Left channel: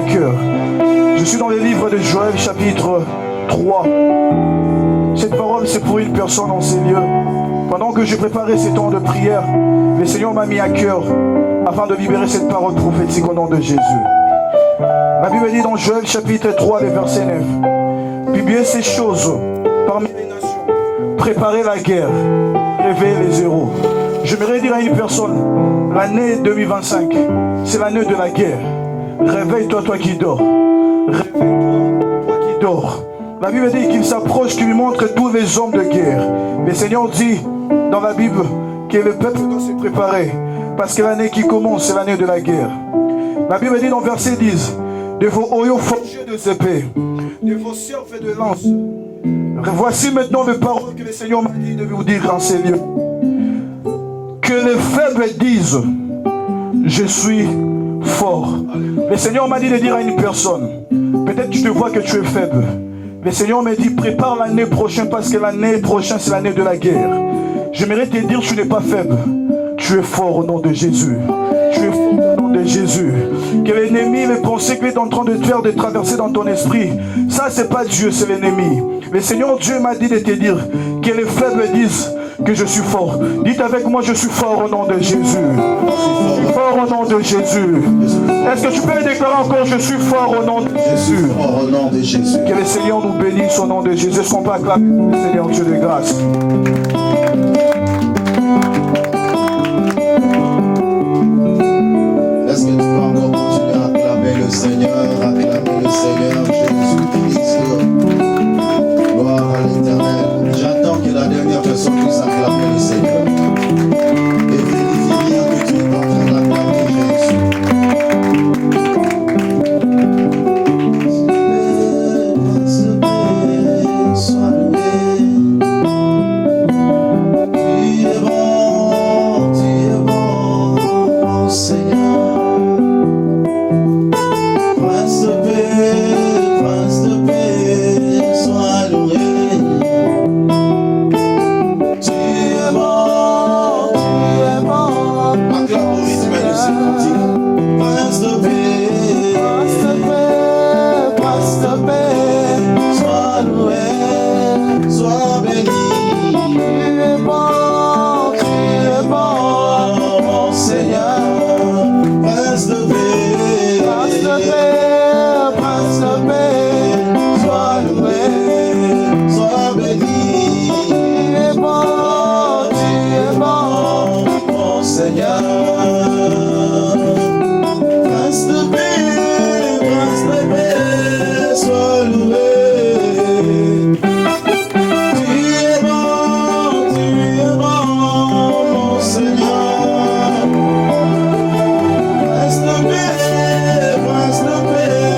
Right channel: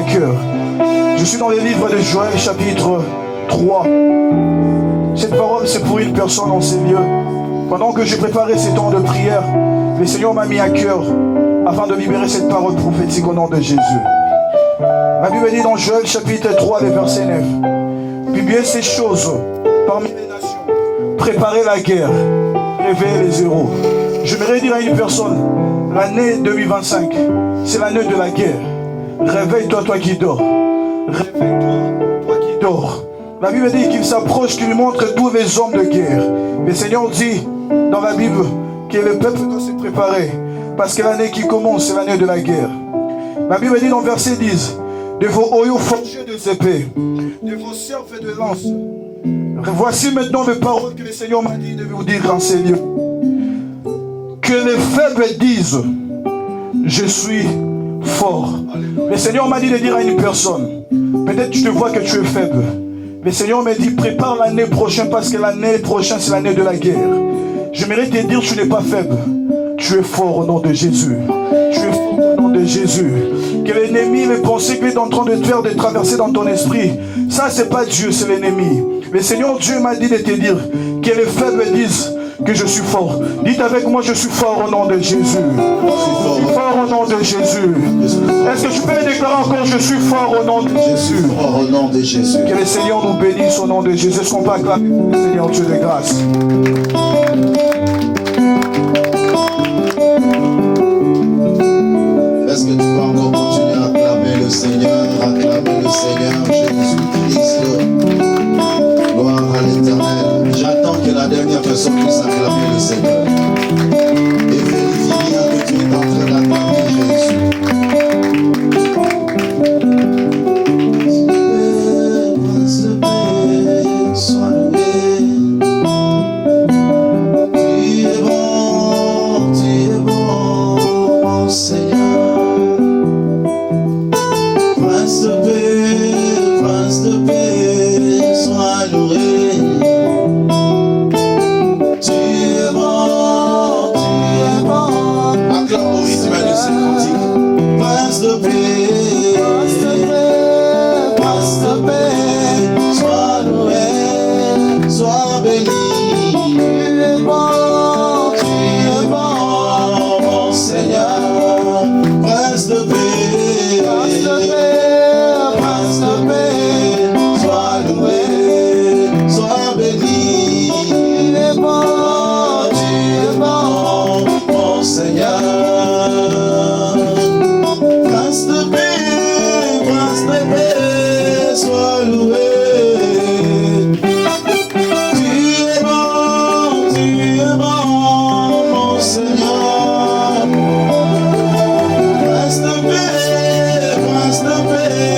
à cœur. Je suis dans le livre de Joël, chapitre 3. Cette parole, c'est pour une personne en ces lieux. Pendant que je préparais ces temps de prière, le Seigneur m'a mis à cœur afin de libérer cette parole prophétique au nom de Jésus. La Bible dit dans Joël, chapitre 3, le verset 9. Publiez ces choses parmi les nations. Préparez la guerre. Réveillez les héros. J'aimerais dire à une personne, l'année 2025, c'est l'année de la guerre. Réveille-toi, toi qui dors. Réveille-toi, toi qui dors. La Bible dit qu'il s'approche, qu'il lui montre tous les hommes de guerre. Le Seigneur dit dans la Bible que le peuple doit se préparer parce que l'année qui commence, c'est l'année de la guerre. La Bible dit dans verset 10, de vos oyaux forgés de épées, de vos cerfs et de lances. Voici maintenant les paroles que le Seigneur m'a dit de vous dire en ces lieux. Que les faibles disent, je suis fort. Le Seigneur m'a dit de dire à une personne, peut-être tu te vois que tu es faible. Le Seigneur m'a dit, prépare l'année prochaine parce que l'année prochaine, c'est l'année de la guerre. J'aimerais te dire, tu n'es pas faible. Tu es fort au nom de Jésus. Tu es fort au nom de Jésus. Que l'ennemi, les pensées qu'il est en train de te faire, de traverser dans ton esprit, ça, c'est pas Dieu, c'est l'ennemi. Le Seigneur Dieu m'a dit de te dire que les faibles disent que je suis fort. Dites avec moi, je suis fort au nom de Jésus. Je suis fort au nom de Jésus. Est-ce que tu peux le déclarer encore, je suis fort au nom de Jésus. Fort au nom de Jésus. Que le Seigneur nous bénisse au nom de Jésus. Est-ce qu'on peut acclamer le Seigneur Dieu de grâce? Est-ce que tu peux encore continuer à acclamer le Seigneur Jésus-Christ? Gloire à l'Éternel. J'attends que la dernière personne puisse acclamer le Seigneur. Et vérifie bien que tu es en train d'acclamer Jésus. Sois loué. Tu es bon, mon Seigneur. Prince de paix, sois loué. Tu es bon, acclame au rythme de ce cantique. Prince de paix, sois loué, sois béni. Tu es bon, mon Seigneur. Prince de paix, sois loué, sois béni. Oh, tu es bon, mon Seigneur. Prince de paix, sois loué. Tu es bon, mon Seigneur. Prince de paix, sois loué. Tu es bon, mon Seigneur. Prince de paix,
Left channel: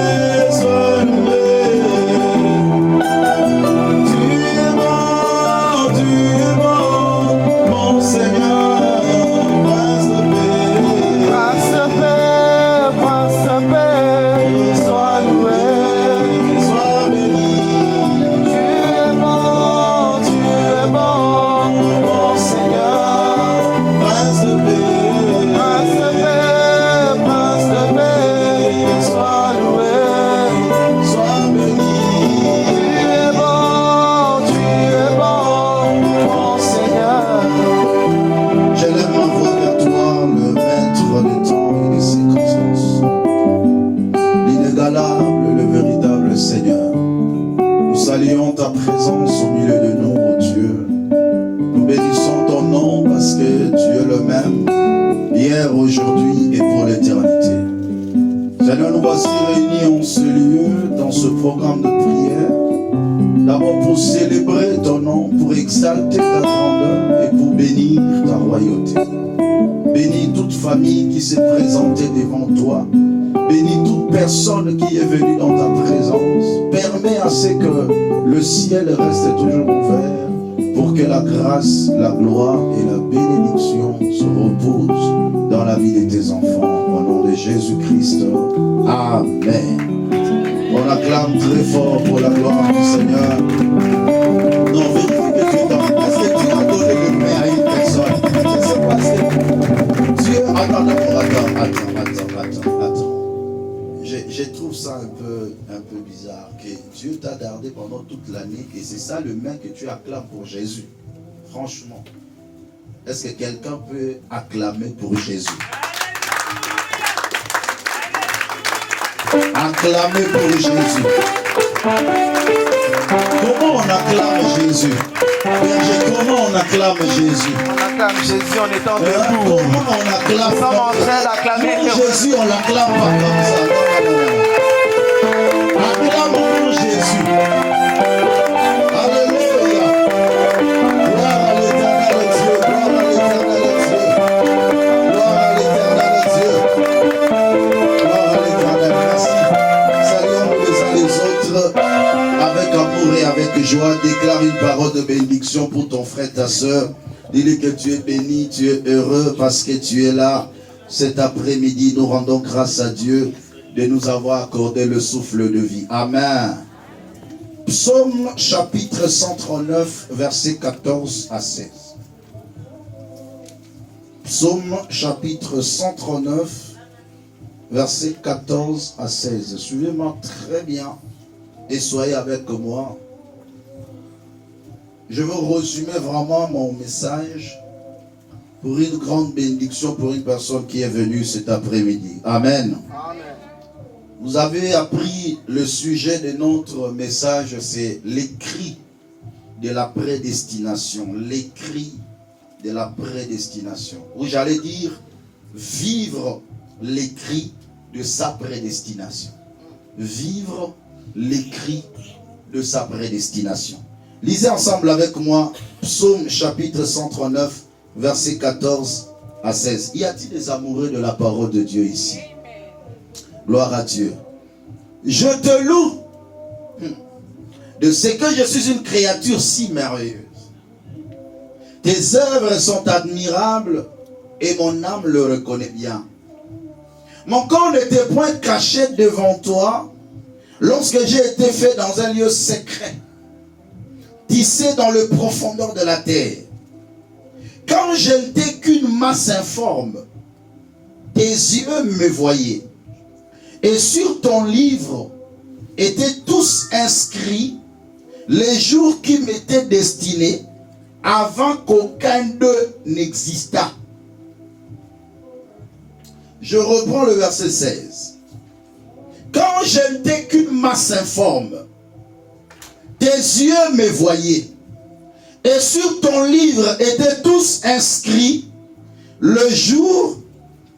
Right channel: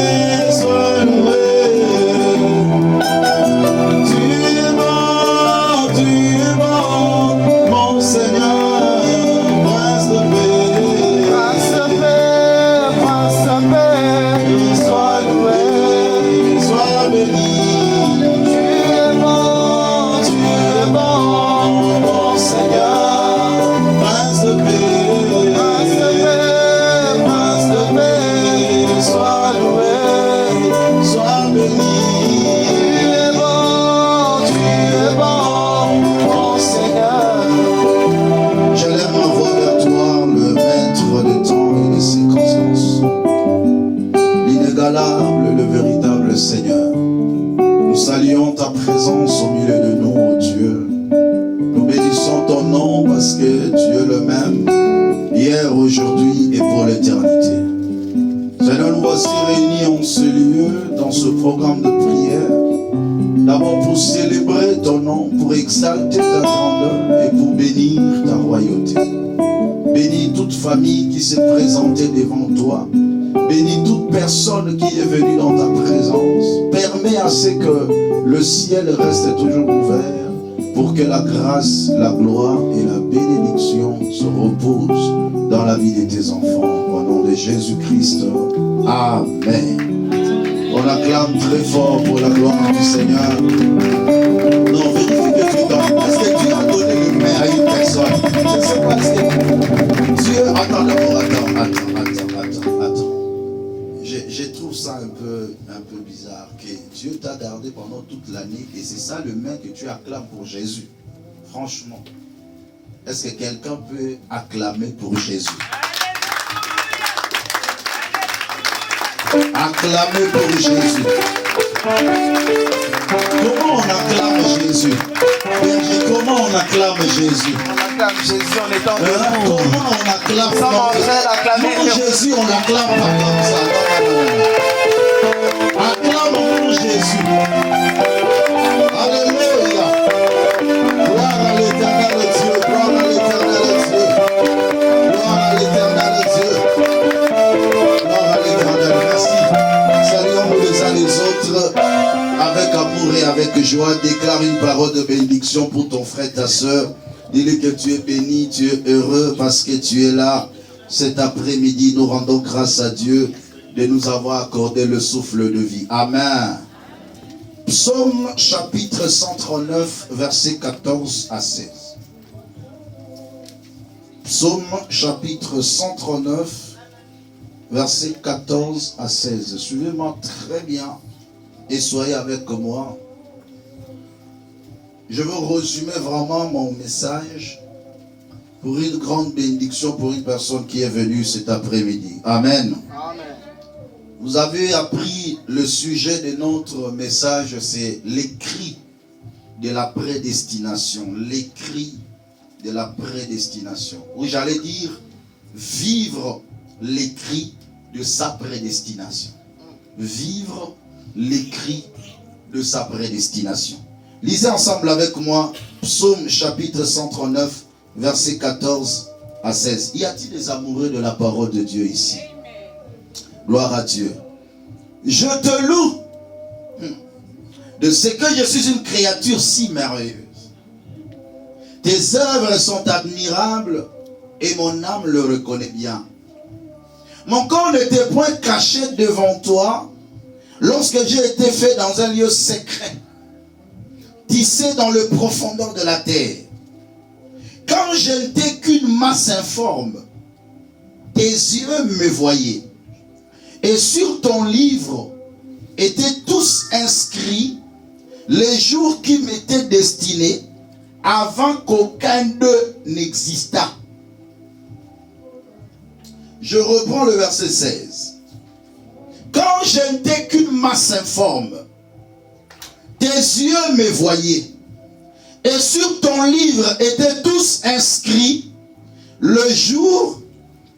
sois loué, sois béni. Tu es bon, mon Seigneur. Prince de paix, sois loué, sois béni. Tu es bon, mon Seigneur. Je lève ma voix vers toi, le maître des temps et des circonstances, l'inégalable, le véritable Seigneur. Nous saluons ta présence au milieu de nous, ô Dieu. Nous bénissons ton nom parce que tu es le même, hier, aujourd'hui et pour l'éternité. Seigneur, nous voici réunis en ce lieu, dans ce programme de prière, d'abord pour célébrer ton nom, pour exalter ta grandeur et pour bénir ta royauté. Bénis toute famille qui s'est présentée devant toi. Bénis toute personne qui est venue dans ta présence. Permets à ce que le ciel reste toujours ouvert pour que la grâce, la gloire et la bénédiction se reposent dans la vie de tes enfants. Au nom de Jésus-Christ. Amen. On acclame très fort pour la gloire du Seigneur. Non, vérifie que tu es dans. Est-ce que Dieu a donné le pain à une personne? Je ne sais pas si Dieu. Attends. Je trouve trouve ça un peu bizarre que Dieu t'a gardé pendant toute l'année et c'est ça le main que tu acclames pour Jésus. Franchement, est-ce que quelqu'un peut acclamer pour Jésus? Acclamer pour Jésus. Comment on acclame Jésus? Comment on acclame Jésus? On acclame Jésus en étant debout. Comment on acclame? Non, Jésus, on l'acclame pas comme ça. Non. Acclame pour Jésus. Alléluia. Gloire à l'éternel Dieu. Gloire à l'éternel Dieu. Gloire à l'éternel Dieu. Gloire à l'éternel. Merci. Saluons-nous les uns les autres avec amour et avec joie. Déclare une parole de bénédiction pour ton frère, ta soeur. Dis-lui que tu es béni, tu es heureux parce que tu es là. Cet après-midi, nous rendons grâce à Dieu de nous avoir accordé le souffle de vie. Amen. Psaume chapitre 139, versets 14 à 16. Psaume chapitre 139, versets 14 à 16. Suivez-moi très bien et soyez avec moi. Je veux résumer vraiment mon message pour une grande bénédiction pour une personne qui est venue cet après-midi. Amen. Amen. Vous avez appris le sujet de notre message, c'est l'écrit de la prédestination. L'écrit de la prédestination. Ou j'allais dire, vivre l'écrit de sa prédestination. Vivre l'écrit de sa prédestination. Lisez ensemble avec moi Psaume chapitre 139, versets 14 à 16. Y a-t-il des amoureux de la parole de Dieu ici? Gloire à Dieu. Je te loue de ce que je suis une créature si merveilleuse. Tes œuvres sont admirables et mon âme le reconnaît bien. Mon corps n'était point caché devant toi lorsque j'ai été fait dans un lieu secret, tissé dans le profondeur de la terre. Quand je n'étais qu'une masse informe, tes yeux me voyaient. Et sur ton livre étaient tous inscrits les jours qui m'étaient destinés avant qu'aucun d'eux n'existât. Je reprends le verset 16. Quand je n'étais qu'une masse informe, tes yeux me voyaient. Et sur ton livre étaient tous inscrits le jour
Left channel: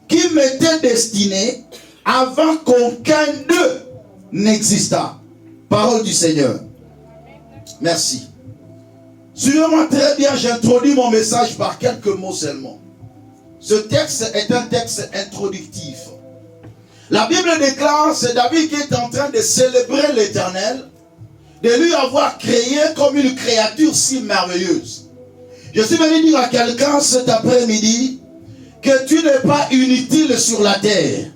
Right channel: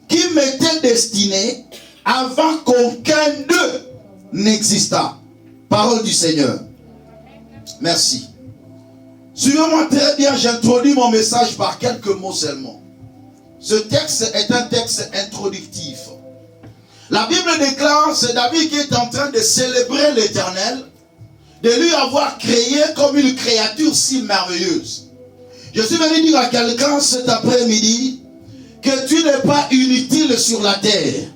qui m'était destiné avant qu'aucun d'eux n'existât. Parole du Seigneur. Merci. Suivez-moi très bien, j'introduis mon message par quelques mots seulement. Ce texte est un texte introductif. La Bible déclare, c'est David qui est en train de célébrer l'Éternel, de lui avoir créé comme une créature si merveilleuse. Je suis venu dire à quelqu'un cet après-midi que tu n'es pas inutile sur la terre,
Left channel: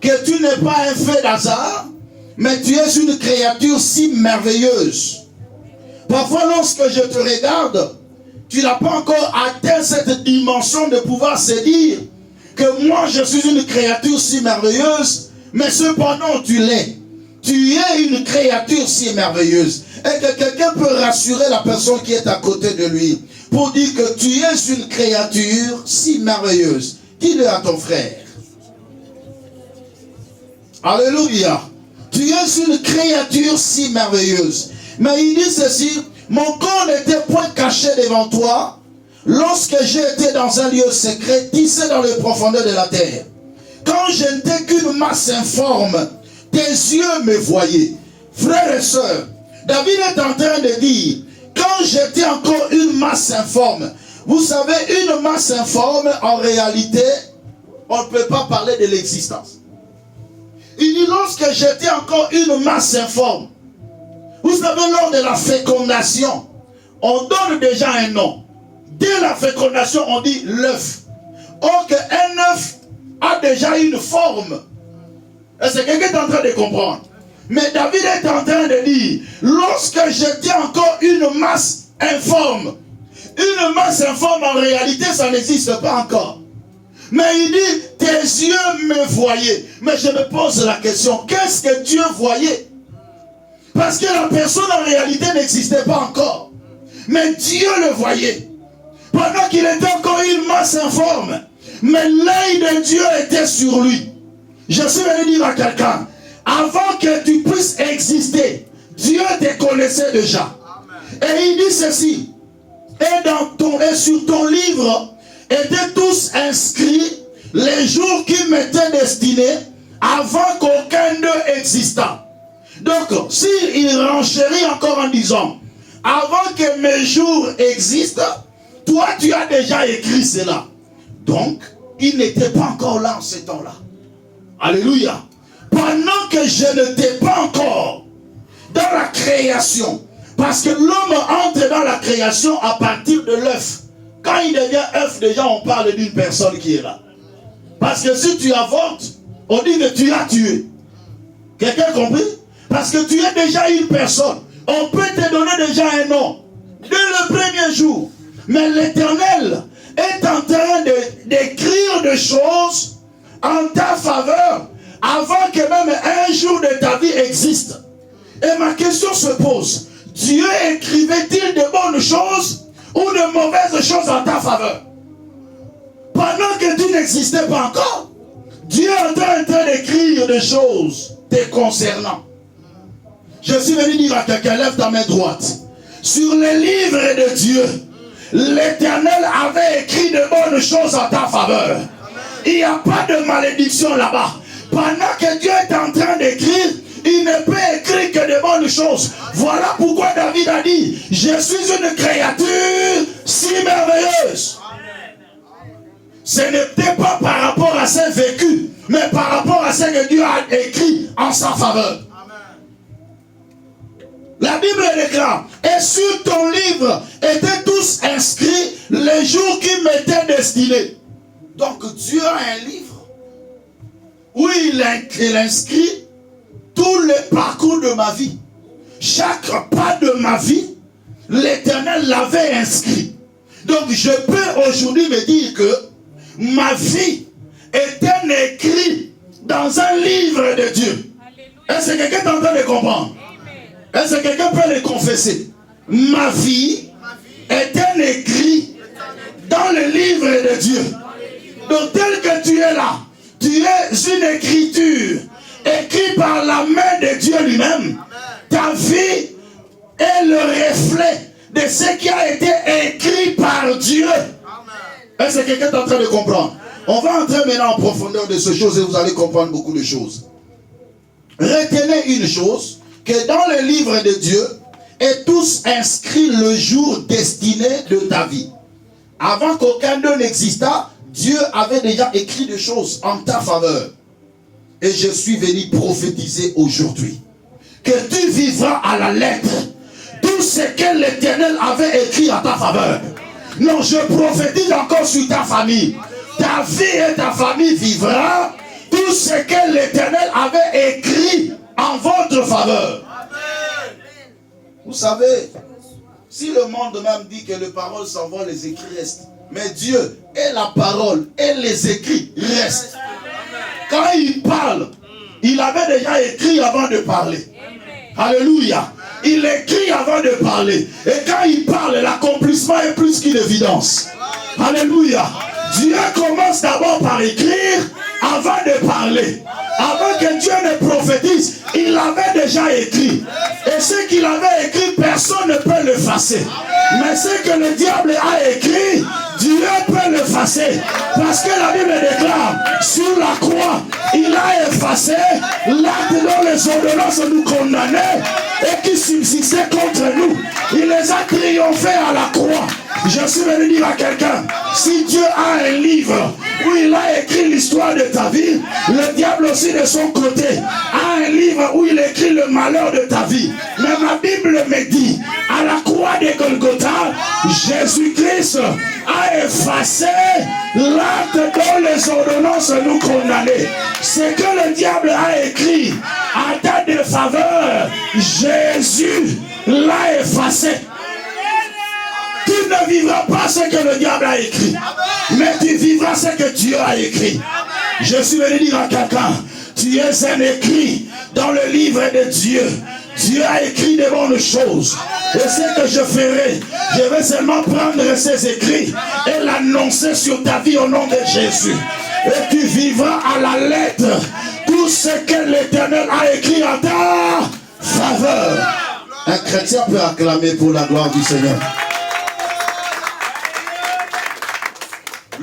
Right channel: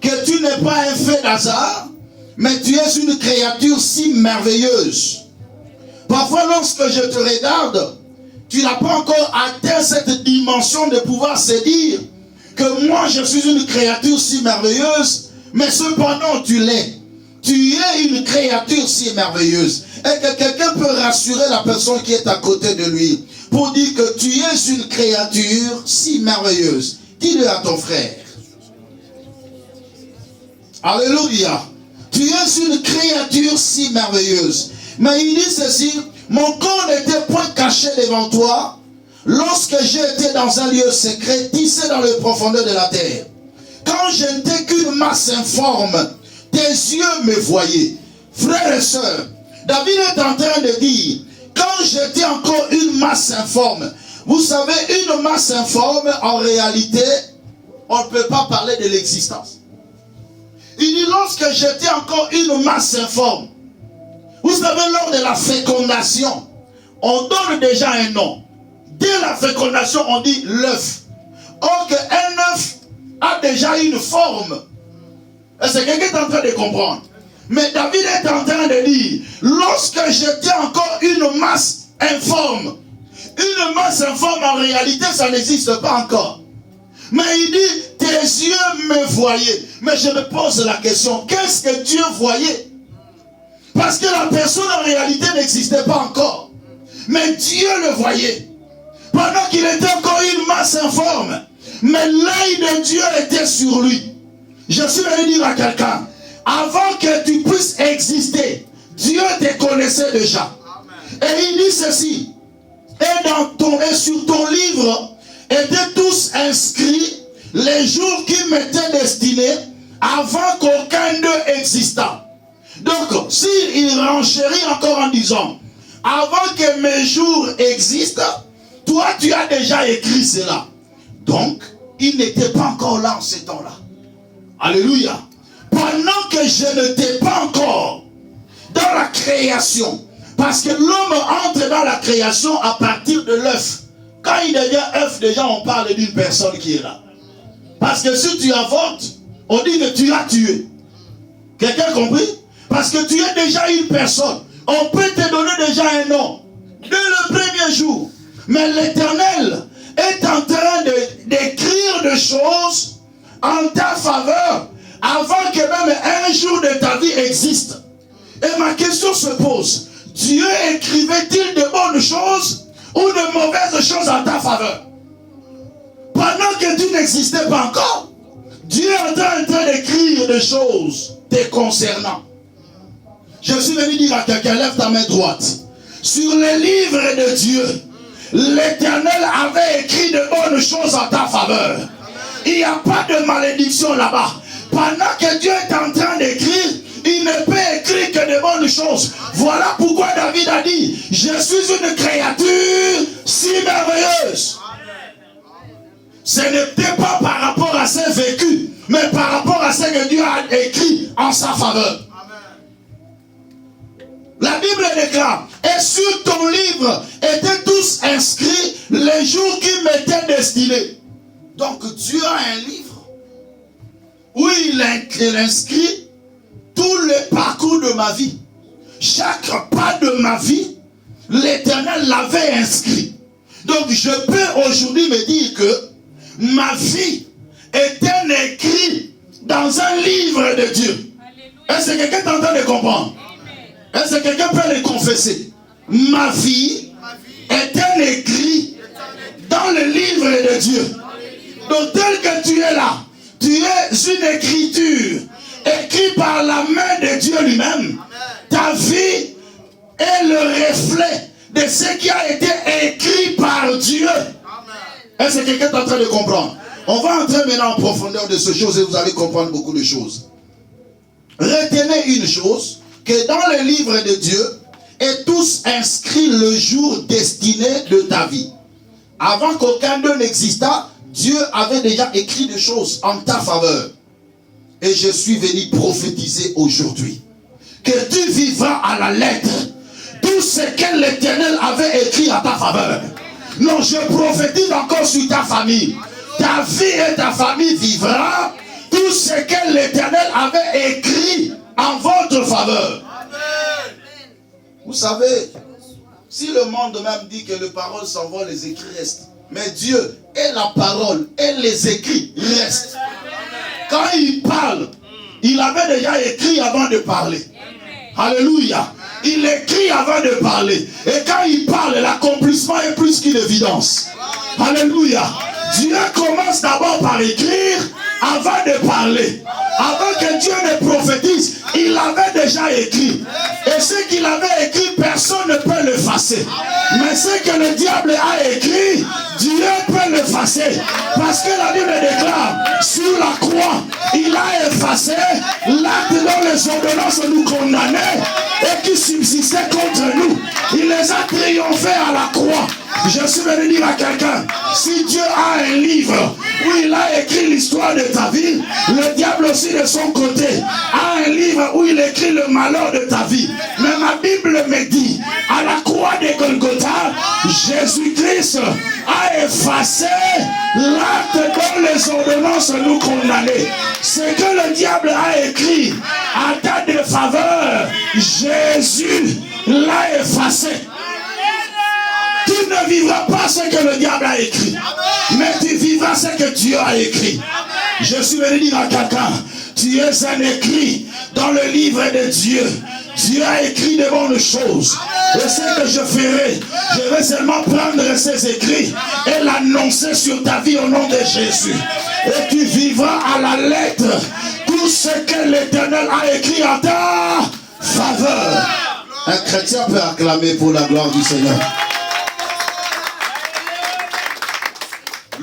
que tu n'es pas un fait d'hasard, mais tu es une créature si merveilleuse. Parfois, lorsque je te regarde, tu n'as pas encore atteint cette dimension de pouvoir se dire que moi je suis une créature si merveilleuse, mais cependant tu l'es. Tu es une créature si merveilleuse. Et que quelqu'un peut rassurer la personne qui est à côté de lui pour dire que tu es une créature si merveilleuse. Dis-le à ton frère. Alléluia. Tu es une créature si merveilleuse. Mais il dit ceci, mon corps n'était point caché devant toi lorsque j'étais dans un lieu secret, tissé dans les profondeurs de la terre. Quand je n'étais qu'une masse informe, tes yeux me voyaient. Frères et sœurs, David est en train de dire, quand j'étais encore une masse informe, vous savez, une masse informe, en réalité, on ne peut pas parler de l'existence. Il dit, lorsque j'étais encore une masse informe, vous savez, lors de la fécondation, on donne déjà un nom. Dès la fécondation, on dit l'œuf. Or qu'un œuf a déjà une forme. Est-ce que quelqu'un est en train de comprendre? Mais David est en train de dire, lorsque j'étais encore une masse informe en réalité, ça n'existe pas encore. Mais il dit, tes yeux me voyaient. Mais je me pose la question, qu'est-ce que Dieu voyait? Parce que la personne en réalité n'existait pas encore. Mais Dieu le voyait. Pendant qu'il était encore une masse informe. Mais l'œil de Dieu était sur lui. Je suis venu dire à quelqu'un, avant que tu puisses exister, Dieu te connaissait déjà. Et il dit ceci, et sur ton livre étaient tous inscrits les jours qui m'étaient destinés avant qu'aucun d'eux existât. Donc, s'il renchérit encore en disant, avant que mes jours existent, toi tu as déjà écrit cela. Donc, il n'était pas encore là en ces temps-là. Alléluia. Pendant que je n'étais pas encore dans la création, parce que l'homme entre dans la création à partir de l'œuf. Quand il devient œuf, déjà on parle d'une personne qui est là. Parce que si tu avortes, on dit que tu l'as tué. Quelqu'un a compris? Parce que tu es déjà une personne. On peut te donner déjà un nom dès le premier jour. Mais l'Éternel est en train d'écrire des choses en ta faveur avant que même un jour de ta vie existe. Et ma question se pose, Dieu écrivait-il de bonnes choses ou de mauvaises choses en ta faveur? Pendant que tu n'existais pas encore, Dieu est en train d'écrire des choses te concernant. Je suis venu dire à quelqu'un, lève ta main droite. Sur les livres de Dieu, l'Éternel avait écrit de bonnes choses en ta faveur. Il n'y a pas de malédiction là-bas. Pendant que Dieu est en train d'écrire, il ne peut écrire que de bonnes choses. Voilà pourquoi David a dit, je suis une créature si merveilleuse. Ce n'était pas par rapport à ses vécus, mais par rapport à ce que Dieu a écrit en sa faveur. La Bible déclare, et sur ton livre étaient tous inscrits les jours qui m'étaient destinés. Donc Dieu a un livre où il inscrit tout le parcours de ma vie. Chaque pas de ma vie, l'Éternel l'avait inscrit. Donc je peux aujourd'hui me dire que ma vie est un écrit dans un livre de Dieu. Est-ce que quelqu'un est en train de comprendre? Est-ce que quelqu'un peut le confesser? Ma vie est un écrit dans le livre de Dieu. Donc tel que tu es là, tu es une écriture écrite par la main de Dieu lui-même. Ta vie est le reflet de ce qui a été écrit par Dieu. Est-ce que quelqu'un est en train de comprendre? On va entrer maintenant en profondeur de ces choses et vous allez comprendre beaucoup de choses. Retenez une chose, que dans le livre de Dieu est tous inscrits le jour destiné de ta vie. Avant qu'aucun d'eux n'existât, Dieu avait déjà écrit des choses en ta faveur. Et je suis venu prophétiser aujourd'hui que tu vivras à la lettre tout ce que l'Éternel avait écrit en ta faveur. Non, je prophétise encore sur ta famille. Ta vie et ta famille vivra tout ce que l'Éternel avait écrit en votre faveur. Vous savez, si le monde même dit que les paroles s'en vont, les écrits restent. Mais Dieu et la parole et les écrits restent. Quand il parle, il avait déjà écrit avant de parler. Alléluia. Il écrit avant de parler. Et quand il parle, l'accomplissement est plus qu'une évidence. Alléluia. Dieu commence d'abord par écrire avant de parler. Avant que Dieu ne prophétise, il avait déjà écrit. Et ce qu'il avait écrit, personne ne peut l'effacer. Mais ce que le diable a écrit, Dieu peut l'effacer. Parce que la Bible déclare, sur la croix, il a effacé l'acte dont les ordonnances nous condamnaient et qui subsistaient contre nous. Il les a triomphés à la croix. Je suis venu dire à quelqu'un, si Dieu a un livre où il a écrit l'histoire de ta vie, le diable aussi de son côté a un livre où il écrit le malheur de ta vie. Mais ma Bible me dit, à la croix de Golgotha, Jésus-Christ a effacé l'acte dont les ordonnances nous condamnaient. Ce que le diable a écrit à ta défaveur, Jésus l'a effacé. Tu ne vivras pas ce que le diable a écrit. Mais tu vivras ce que Dieu a écrit. Je suis venu dire à quelqu'un, tu es un écrit dans le livre de Dieu. Dieu a écrit de bonnes choses. Et ce que je ferai, je vais seulement prendre ces écrits et l'annoncer sur ta vie au nom de Jésus. Et tu vivras à la lettre tout ce que l'Éternel a écrit en ta faveur. Un chrétien peut acclamer pour la gloire du Seigneur.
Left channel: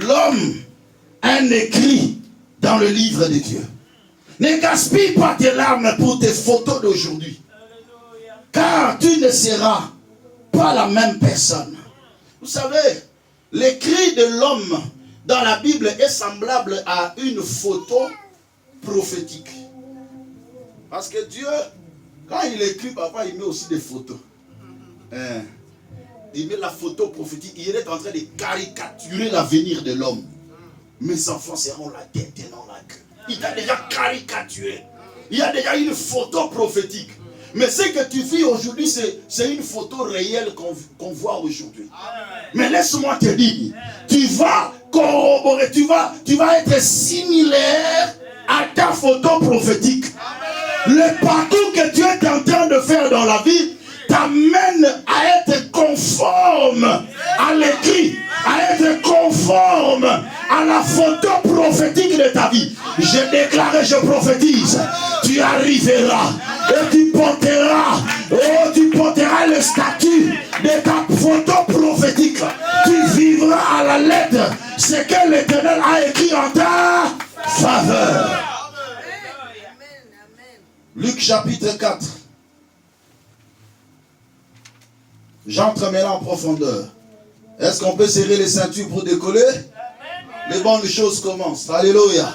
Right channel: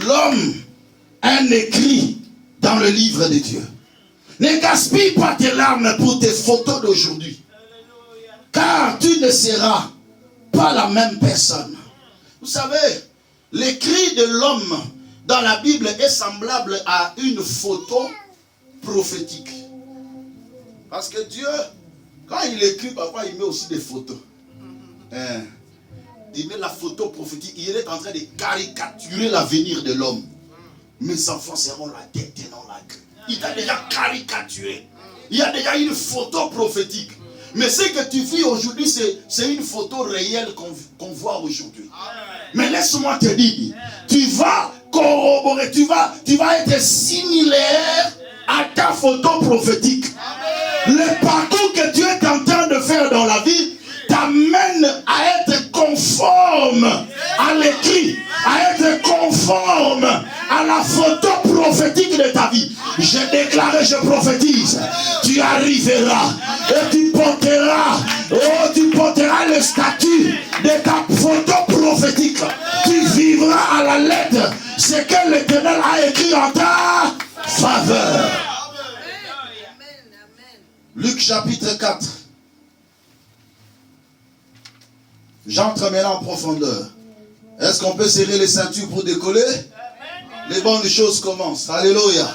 L'homme, un écrit dans le livre de Dieu. Ne gaspille pas tes larmes pour tes photos d'aujourd'hui. Car tu ne seras pas la même personne. Vous savez, l'écrit de l'homme dans la Bible est semblable à une photo prophétique. Parce que Dieu, quand il écrit, parfois il met aussi des photos. Il met la photo prophétique. Il est en train de caricaturer l'avenir de l'homme. Mes enfants seront la tête et non la queue. Il a déjà caricaturé. Il y a déjà une photo prophétique. Mais ce que tu vis aujourd'hui, c'est une photo réelle qu'on voit aujourd'hui. Mais laisse-moi te dire, tu vas corroborer, tu vas être similaire à ta photo prophétique. Le parcours que tu es en train de faire dans la vie t'amène à être conforme à l'écrit, à être conforme à la photo prophétique de ta vie. Je déclare et je prophétise, tu arriveras et tu porteras le statut de ta photo prophétique. Tu vivras à la lettre ce que l'Éternel a écrit en ta faveur. Luc chapitre 4. J'entre maintenant en profondeur. Est-ce qu'on peut serrer les ceintures pour décoller? Les bonnes choses commencent. Alléluia.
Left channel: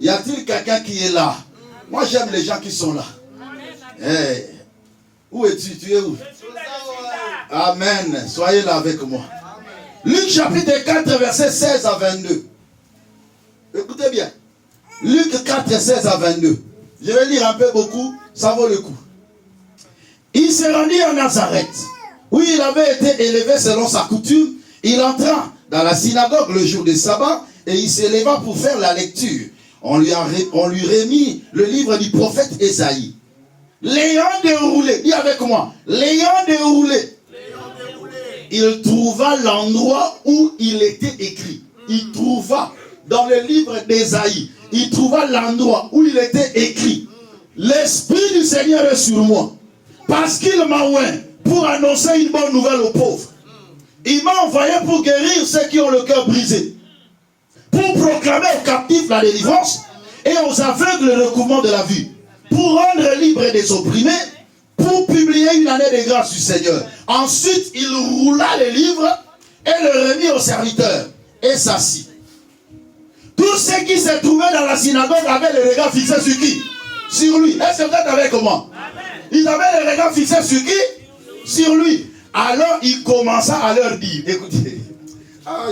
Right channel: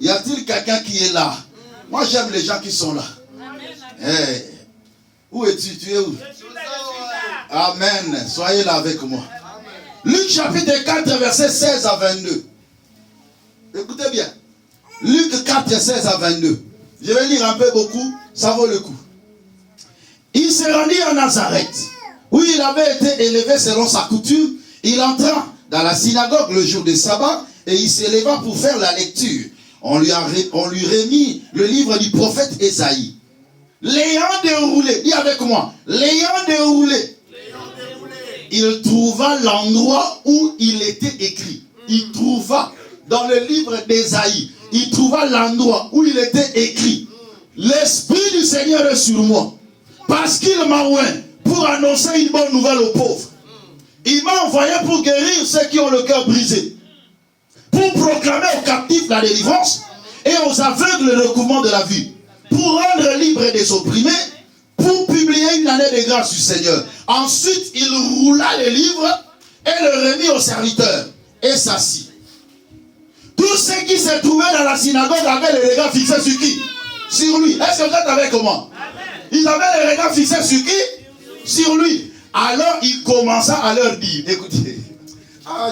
Y a-t-il quelqu'un qui est là? Moi j'aime les gens qui sont là. Hey. Où es-tu? Tu es où? Amen. Soyez là avec moi. Luc chapitre 4 verset 16 à 22. Écoutez bien. Luc 4 16 à 22. Je vais lire un peu beaucoup. Ça vaut le coup. Il se rendit en Nazareth, où il avait été élevé selon sa coutume. Il entra dans la synagogue le jour du sabbat et il s'éleva pour faire la lecture. On lui remit le livre du prophète Ésaïe. L'ayant déroulé, dis avec moi, l'ayant déroulé, il trouva l'endroit où il était écrit. Il trouva dans le livre d'Ésaïe, il trouva l'endroit où il était écrit. L'Esprit du Seigneur est sur moi, parce qu'il m'a oint pour annoncer une bonne nouvelle aux pauvres. Il m'a envoyé pour guérir ceux qui ont le cœur brisé, pour proclamer aux captifs la délivrance et aux aveugles le recouvrement de la vue, pour rendre libres des opprimés, pour publier une année de grâce du Seigneur. Ensuite, il roula les livres et le remit aux serviteurs et s'assit. Tous ceux qui se trouvaient dans la synagogue avaient les regards fixés sur qui? Sur lui. Est-ce que vous êtes avec moi? Ils avaient les regards fixés sur qui? Sur lui. Alors il commença à leur dire, écoutez,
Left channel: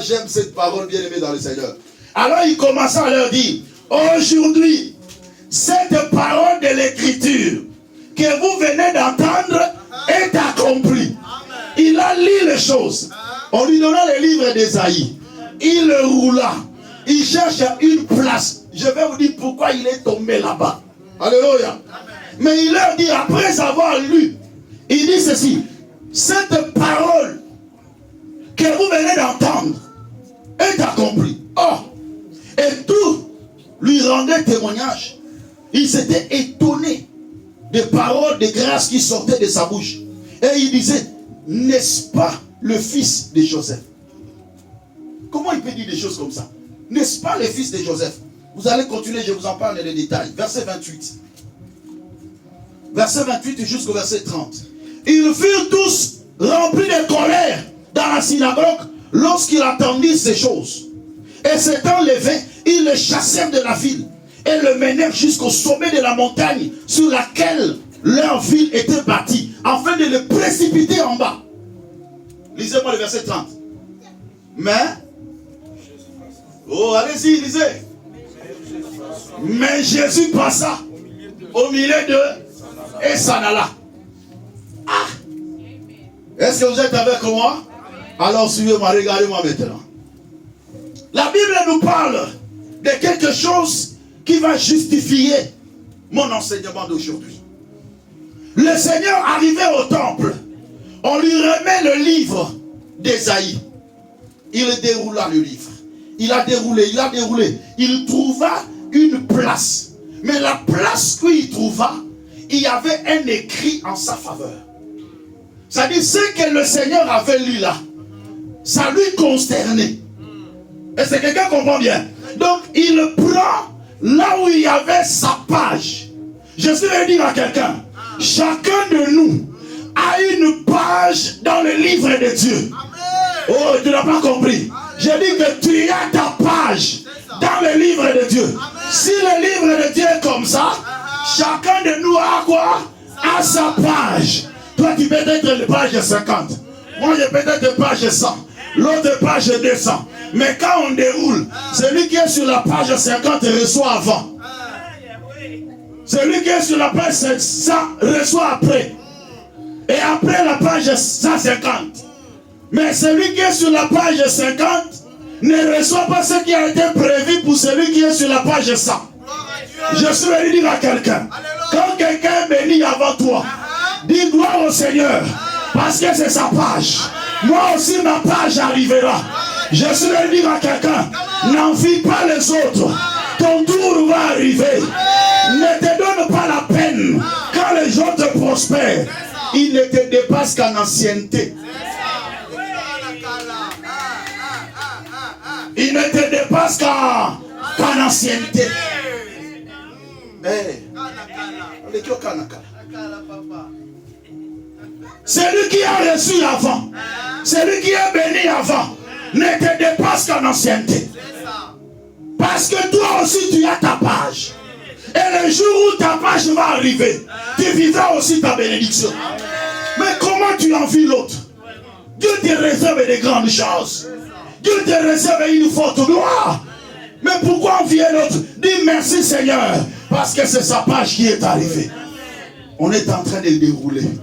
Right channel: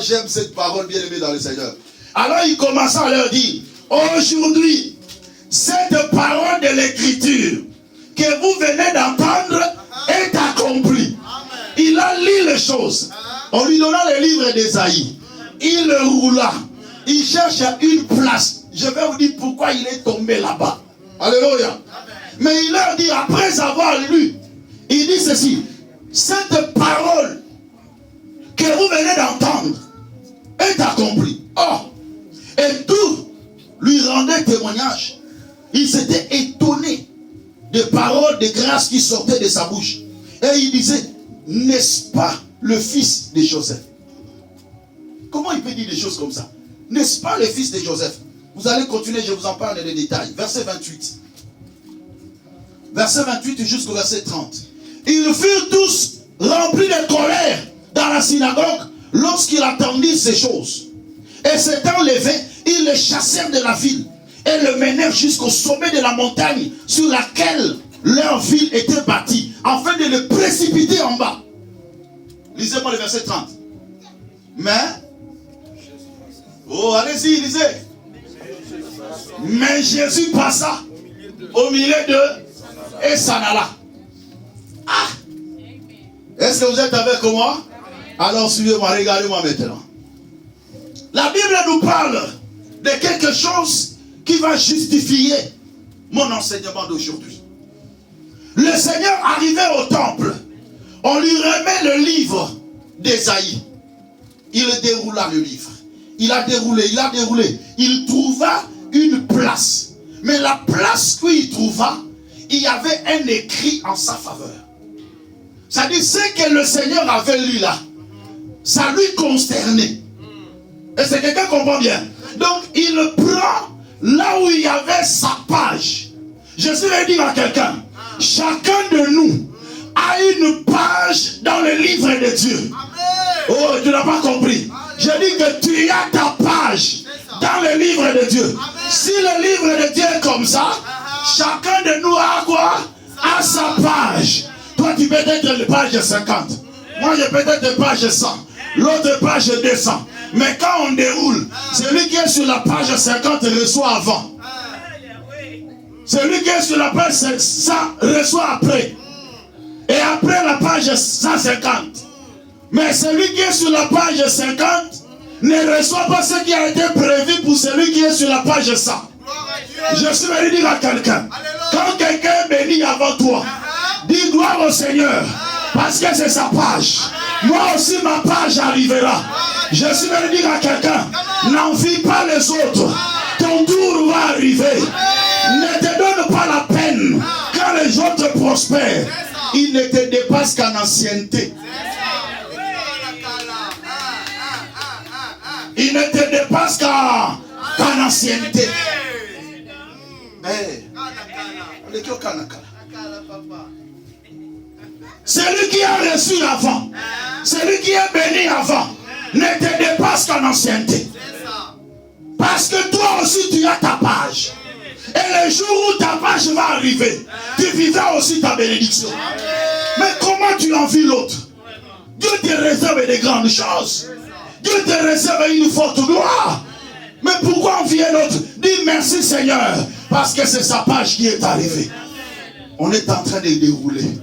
j'aime cette parole bien aimée dans le Seigneur. Alors il commença à leur dire, aujourd'hui, cette parole de l'écriture que vous venez d'entendre est accomplie. Il a lu les choses. On lui donna les livres d'Ésaïe. Il le roula. Il cherche une place. Je vais vous dire pourquoi il est tombé là-bas. Alléluia. Mais il leur dit, après avoir lu, il dit ceci, cette parole que vous venez d'entendre est accomplie. Oh, et tout lui rendait témoignage. Il s'était étonné des paroles de grâce qui sortaient de sa bouche. Et il disait, n'est-ce pas le fils de Joseph? Comment il peut dire des choses comme ça? N'est-ce pas le fils de Joseph? Vous allez continuer, je vous en parle les détails. Verset 28. Verset 28 jusqu'au verset 30. Ils furent tous remplis de colère dans la synagogue lorsqu'ils attendirent ces choses. Et s'étant levés, ils le chassèrent de la ville et le menèrent jusqu'au sommet de la montagne sur laquelle leur ville était bâtie, afin de le précipiter en bas. Lisez-moi le verset 30. Mais, allez-y, lisez. Mais Jésus passa au milieu d'eux et s'en alla. Est-ce que vous êtes avec moi? Alors suivez-moi, regardez-moi maintenant. La Bible nous parle de quelque chose qui va justifier mon enseignement d'aujourd'hui. Le Seigneur arrivait au temple. On lui remet le livre d'Ésaïe. Il déroula le livre. Il a déroulé. Il trouva une place. Mais la place où il trouva, il y avait un écrit en sa faveur. C'est-à-dire, ce que le Seigneur avait lu là, ça lui consternait. Est-ce que quelqu'un comprend bien? Donc, il prend là où il y avait sa page. Je vais dire à quelqu'un, chacun de nous a une page dans le livre de Dieu. Oh, tu n'as pas compris. Je dis que tu as ta page dans le livre de Dieu. Si le livre de Dieu est comme ça, chacun de nous a quoi? A sa page. Toi, tu peux être page 50. Moi, je peux être page 100. L'autre page 200. Mais quand on déroule, celui qui est sur la page 50 reçoit avant. Celui qui est sur la page 100 reçoit après. Et après la page 150. Mais celui qui est sur la page 50 ne reçoit pas ce qui a été prévu pour celui qui est sur la page 100. Je suis venu dire à quelqu'un, quand quelqu'un est béni avant toi, dis gloire au Seigneur, parce que c'est sa page. Moi aussi ma page arrivera. Je suis venu dire à quelqu'un, n'envie pas les autres, ton tour va arriver. Ne te donne pas la peine quand les autres prospèrent. Ils ne te dépassent qu'en ancienneté. Ils ne te dépassent qu'en ancienneté. Celui qui a reçu avant, celui qui est béni avant, ne te dépasse qu'en ancienneté. Parce que toi aussi tu as ta page. Et le jour où ta page va arriver, tu vivras aussi ta bénédiction. Mais comment tu envies l'autre? Dieu te réserve de grandes choses. Dieu te réserve une forte gloire. Mais pourquoi envier l'autre? Dis merci Seigneur, parce que c'est sa page qui est arrivée. On est en train de dérouler.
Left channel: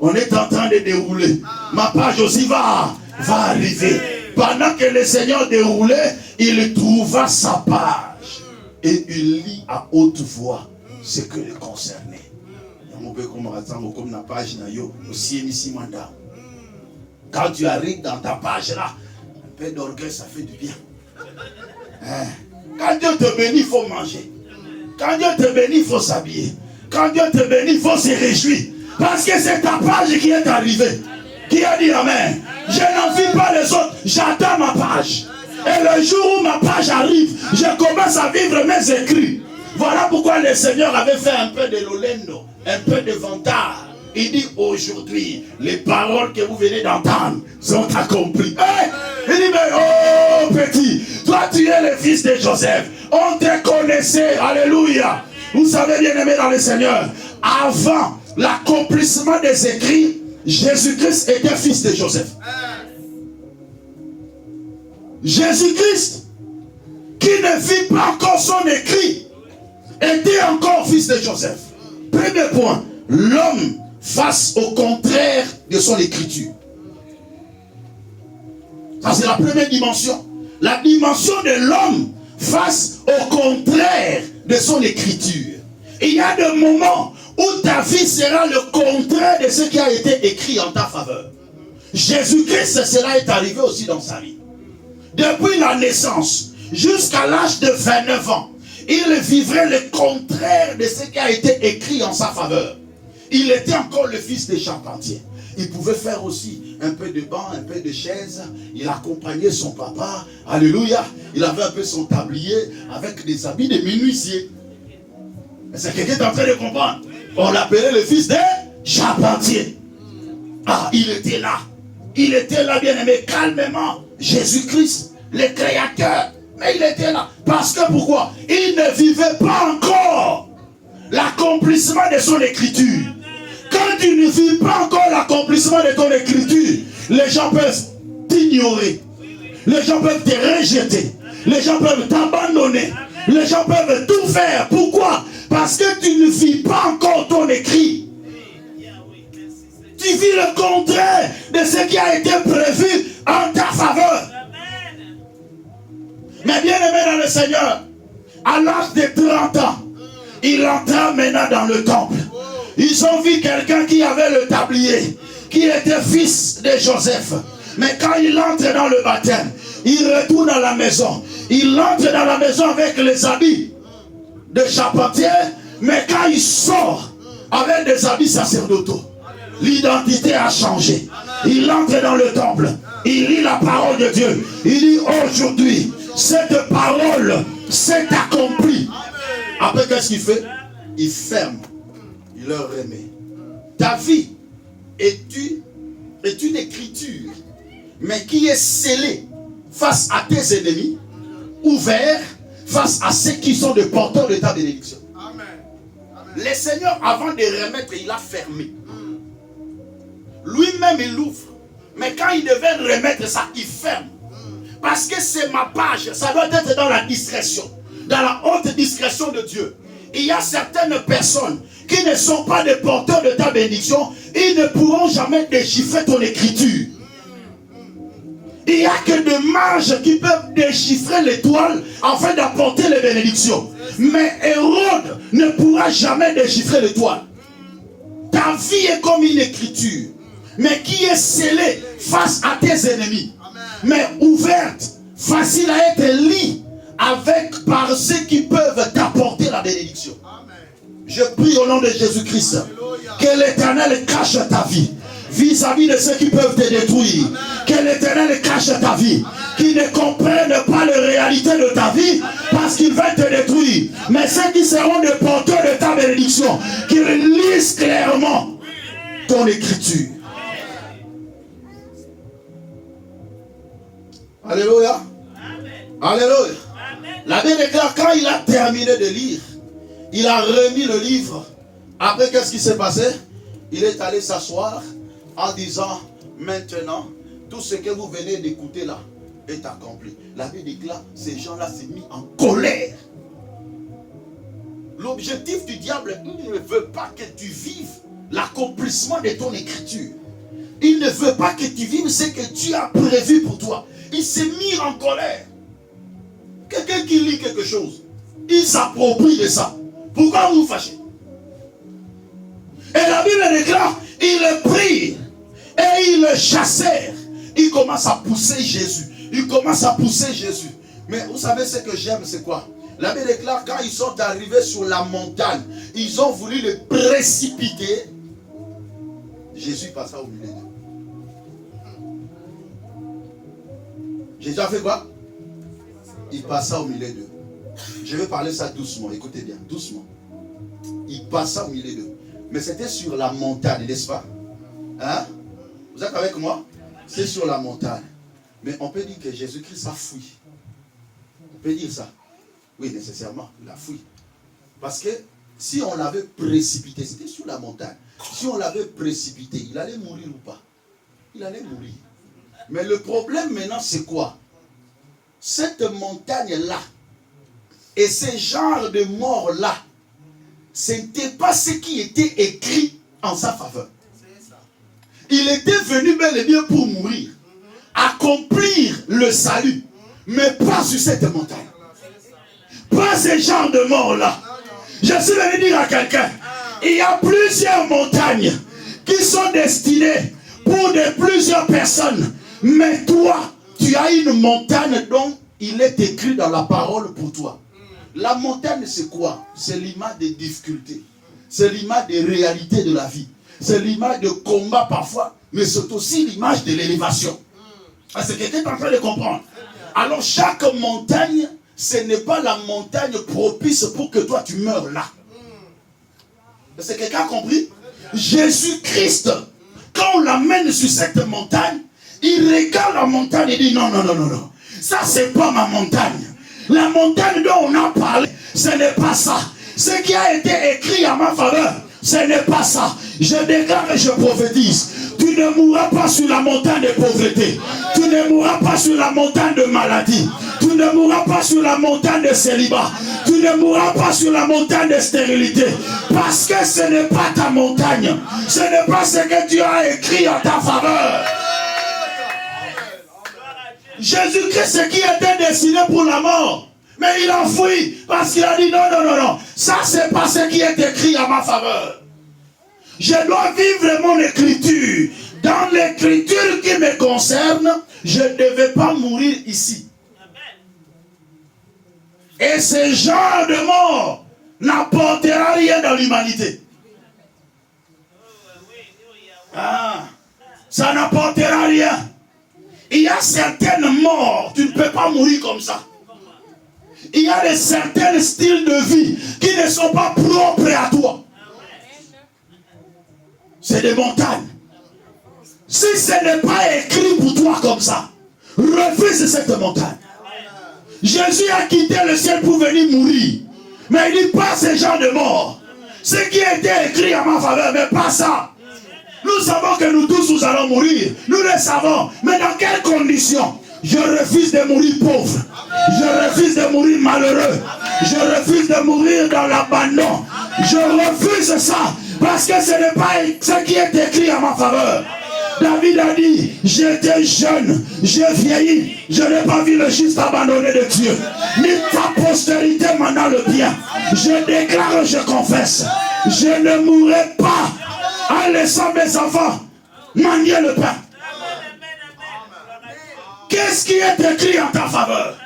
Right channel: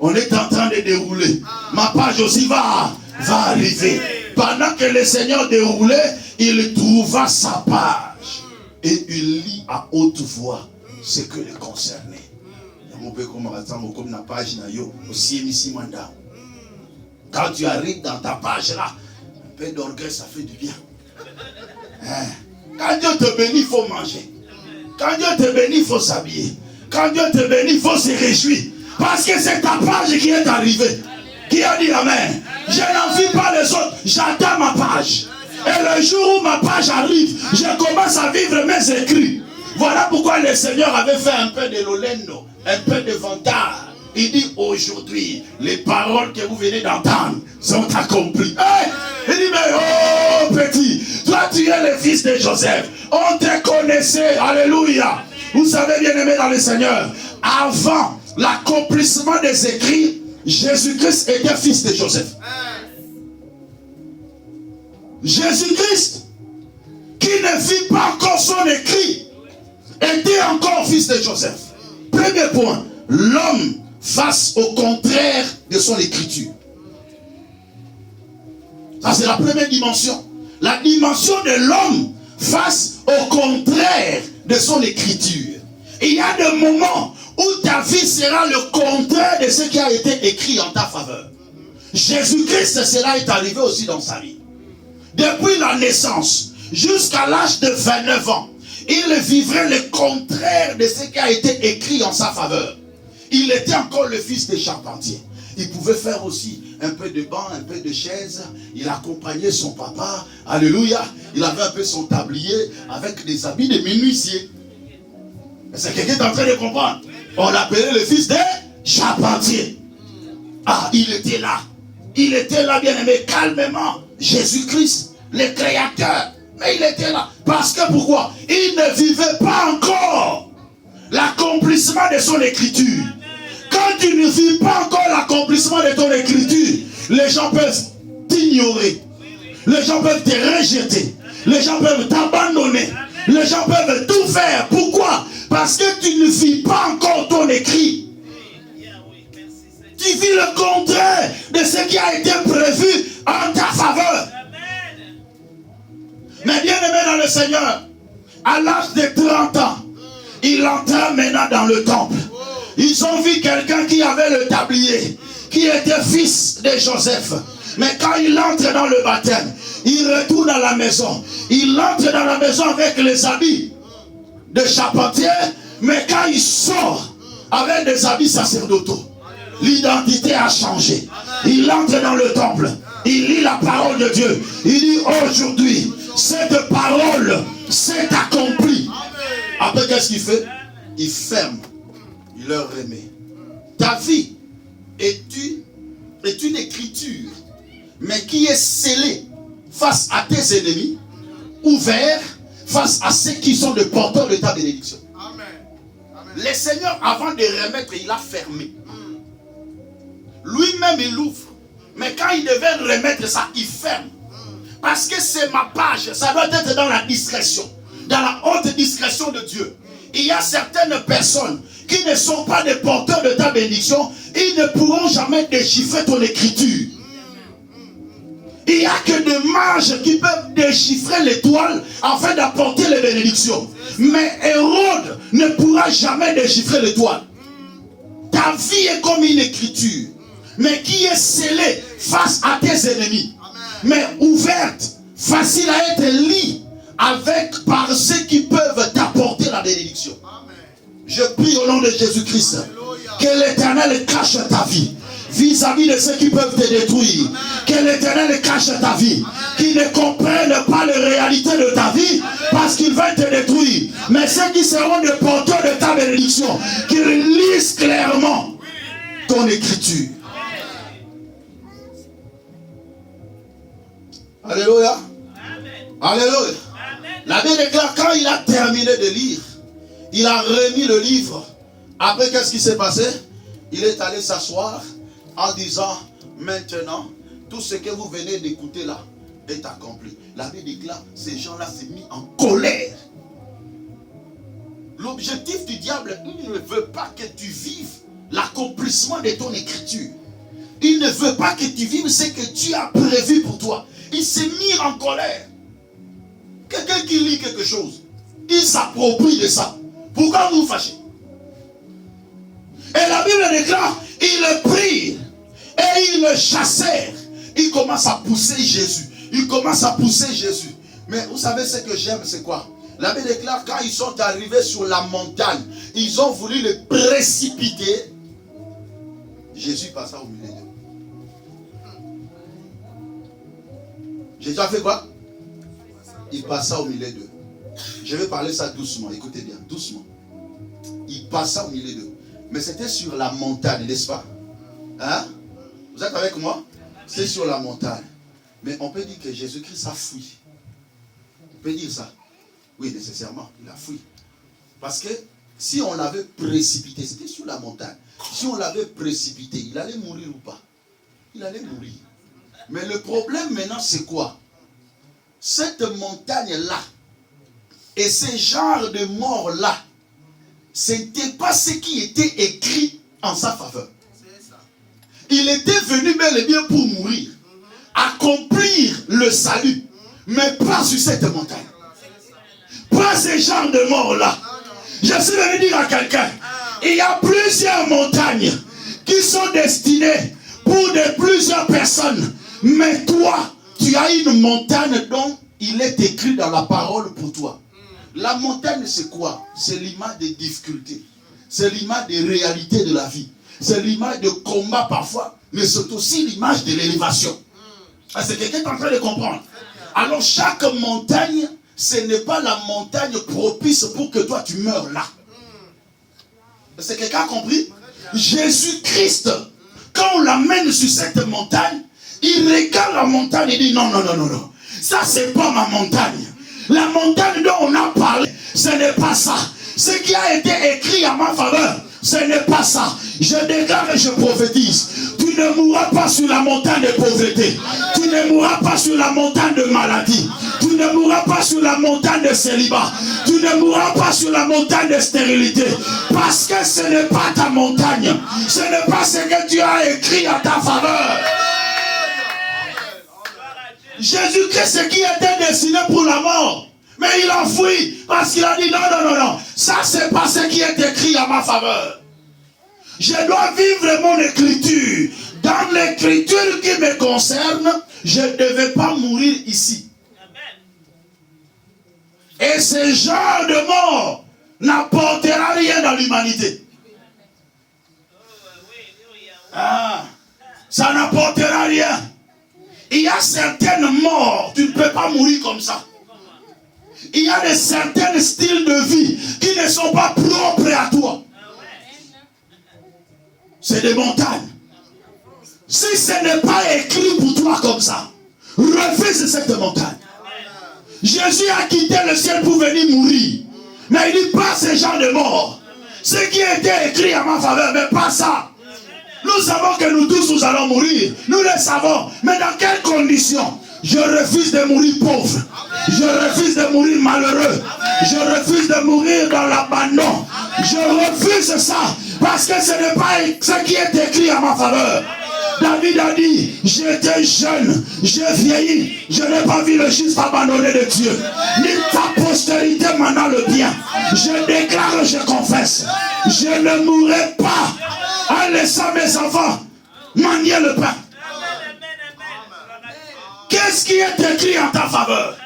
On est en train de dérouler. Ma page aussi va arriver. Pendant que le Seigneur déroulait, il trouva sa page. Et il lit à haute voix ce que le concernait. Quand tu arrives dans ta page là, un peu d'orgueil, ça fait du bien. Quand Dieu te bénit, il faut manger. Quand Dieu te bénit, il faut s'habiller. Quand Dieu te bénit, il faut se réjouir. Parce que c'est ta page qui est arrivée. Qui a dit amen? Je n'envie pas les autres, j'attends ma page. Et le jour où ma page arrive, je commence à vivre mes écrits. Voilà pourquoi le Seigneur avait fait un peu de lolendo, un peu de vantard. Il dit aujourd'hui, les paroles que vous venez d'entendre sont accomplies. Il dit mais oh petit, toi tu es le fils de Joseph. On te connaissait, alléluia. Vous savez bien aimé dans le Seigneur, avant l'accomplissement des écrits, Jésus-Christ était fils de Joseph. Jésus-Christ, qui ne vit pas encore son écrit, était encore fils de Joseph. Premier point, l'homme face au contraire de son écriture. Ça c'est la première dimension. La dimension de l'homme face au contraire de son écriture. Il y a des moments où ta vie sera le contraire de ce qui a été écrit en ta faveur. Jésus-Christ, cela est arrivé aussi dans sa vie. Depuis la naissance jusqu'à l'âge de 29 ans, il vivrait le contraire de ce qui a été écrit en sa faveur. Il était encore le fils des charpentiers. Il pouvait faire aussi un peu de banc, un peu de chaise. Il accompagnait son papa. Alléluia. Il avait un peu son tablier avec des habits de menuisier. C'est quelqu'un qui est en train de comprendre. On l'appelait le fils des charpentiers. Ah, il était là. Il était là, bien aimé, calmement. Jésus-Christ, le créateur. Mais il était là. Parce que pourquoi? Il ne vivait pas encore l'accomplissement de son écriture. Quand tu ne vis pas encore l'accomplissement de ton écriture, les gens peuvent t'ignorer. Les gens peuvent te rejeter. Les gens peuvent t'abandonner. Les gens peuvent tout faire. Pourquoi? Parce que tu ne vis pas encore ton écrit. Tu vis le contraire de ce qui a été prévu en ta faveur. Mais bien aimé dans le Seigneur, à l'âge de 30 ans, il entra maintenant dans le temple. Ils ont vu quelqu'un qui avait le tablier, qui était fils de Joseph. Mais quand il entre dans le baptême, il retourne à la maison. Il entre dans la maison avec les habits de charpentier, mais quand il sort avec des habits sacerdotaux, l'identité a changé. Il entre dans le temple, il lit la parole de Dieu. Il dit aujourd'hui, cette parole s'est accomplie. Après, qu'est-ce qu'il fait? Il ferme, il leur remet. Ta vie est une écriture, mais qui est scellée face à tes ennemis, ouvert face à ceux qui sont des porteurs de ta bénédiction. Le Seigneur, avant de remettre, il a fermé. Lui-même, il ouvre. Mais quand il devait remettre ça, il ferme. Parce que c'est ma page. Ça doit être dans la discrétion. Dans la haute discrétion de Dieu. Il y a certaines personnes qui ne sont pas des porteurs de ta bénédiction. Ils ne pourront jamais déchiffrer ton écriture. Il n'y a que des mages qui peuvent déchiffrer l'étoile afin d'apporter les bénédictions. Mais Hérode ne pourra jamais déchiffrer l'étoile. Ta vie est comme une écriture, mais qui est scellée face à tes ennemis. Mais ouverte, facile à être lue par ceux qui peuvent t'apporter la bénédiction. Je prie au nom de Jésus-Christ que l'Éternel cache ta vie vis-à-vis de ceux qui peuvent te détruire. Que l'Éternel cache ta vie, qui ne comprennent pas les réalités de ta vie parce qu'ils veulent te détruire. Mais ceux qui seront des porteurs de ta bénédiction, qui lisent clairement ton écriture. Alléluia. Alléluia. La Bible déclare, quand il a terminé de lire, il a remis le livre. Après, qu'est-ce qui s'est passé? Il est allé s'asseoir en disant, maintenant, tout ce que vous venez d'écouter là est accompli. La Bible déclare, ces gens-là s'est mis en colère. L'objectif du diable, il ne veut pas que tu vives l'accomplissement de ton écriture. Il ne veut pas que tu vives ce que Dieu a prévu pour toi. Il s'est mis en colère. Quelqu'un qui lit quelque chose, il s'approprie de ça. Pourquoi vous vous fâchez? Et la Bible déclare, ils prirent et ils le chassèrent. Il commence à pousser Jésus. Il commence à pousser Jésus. Mais vous savez ce que j'aime, c'est quoi? La Bible déclare, quand ils sont arrivés sur la montagne, ils ont voulu le précipiter. Jésus passa au milieu d'eux. Jésus a fait quoi? Il passa au milieu d'eux. Je vais parler ça doucement, écoutez bien, doucement. Il passa au milieu d'eux. Mais c'était sur la montagne, n'est-ce pas? Hein? Vous êtes avec moi? C'est sur la montagne. Mais on peut dire que Jésus-Christ a fui. On peut dire ça. Oui, nécessairement, il a fui. Parce que si on l'avait précipité, c'était sur la montagne. Si on l'avait précipité, il allait mourir ou pas? Il allait mourir. Mais le problème maintenant, c'est quoi? Cette montagne-là et ce genre de mort-là, ce n'était pas ce qui était écrit en sa faveur. Il était venu bel et bien pour mourir, accomplir le salut, mais pas sur cette montagne. Pas ce genre de mort-là. Je suis venu dire à quelqu'un, il y a plusieurs montagnes qui sont destinées pour plusieurs personnes. Mais toi, tu as une montagne dont il est écrit dans la parole pour toi. La montagne, c'est quoi? C'est l'image des difficultés. C'est l'image des réalités de la vie. C'est l'image de combat parfois, mais c'est aussi l'image de l'élévation. C'est quelqu'un qui est en train de comprendre. Alors chaque montagne, ce n'est pas la montagne propice pour que toi tu meurs là. C'est quelqu'un a compris? Jésus-Christ, quand on l'amène sur cette montagne, il regarde la montagne et dit non, non, non, non, non. Ça, c'est pas ma montagne. La montagne dont on a parlé, ce n'est pas ça. Ce qui a été écrit à ma faveur, ce n'est pas ça. Je déclare et je prophétise. Tu ne mourras pas sur la montagne de pauvreté. Tu ne mourras pas sur la montagne de maladie. Tu ne mourras pas sur la montagne de célibat. Tu ne mourras pas sur la montagne de stérilité. Parce que ce n'est pas ta montagne. Ce n'est pas ce que Dieu a écrit à ta faveur. Jésus-Christ qui était destiné pour la mort. Mais il a fui parce qu'il a dit non, non, non, non. Ça, c'est pas ce qui est écrit à ma faveur. Je dois vivre mon écriture. Dans l'écriture qui me concerne, je ne devais pas mourir ici. Et ce genre de mort n'apportera rien dans l'humanité. Ah, ça n'apportera rien. Il y a certaines morts, tu ne peux pas mourir comme ça. Il y a certains styles de vie qui ne sont pas propres à toi. C'est des montagnes. Si ce n'est pas écrit pour toi comme ça, refuse cette montagne. Jésus a quitté le ciel pour venir mourir. Mais il dit pas ce genre de mort. Ce qui a été écrit à ma faveur, mais pas ça. Nous savons que nous tous nous allons mourir. Nous le savons. Mais dans quelles conditions? Je refuse de mourir pauvre. Je refuse de mourir malheureux. Je refuse de mourir dans l'abandon. Je refuse ça. Parce que ce n'est pas ce qui est écrit à ma faveur. David a dit, j'étais jeune, j'ai vieilli, je n'ai pas vu le juste abandonné de Dieu. Ni ta postérité maintenant le bien. Je déclare, je confesse, je ne mourrai pas en laissant mes enfants manier le pain. Qu'est-ce qui est écrit en ta faveur?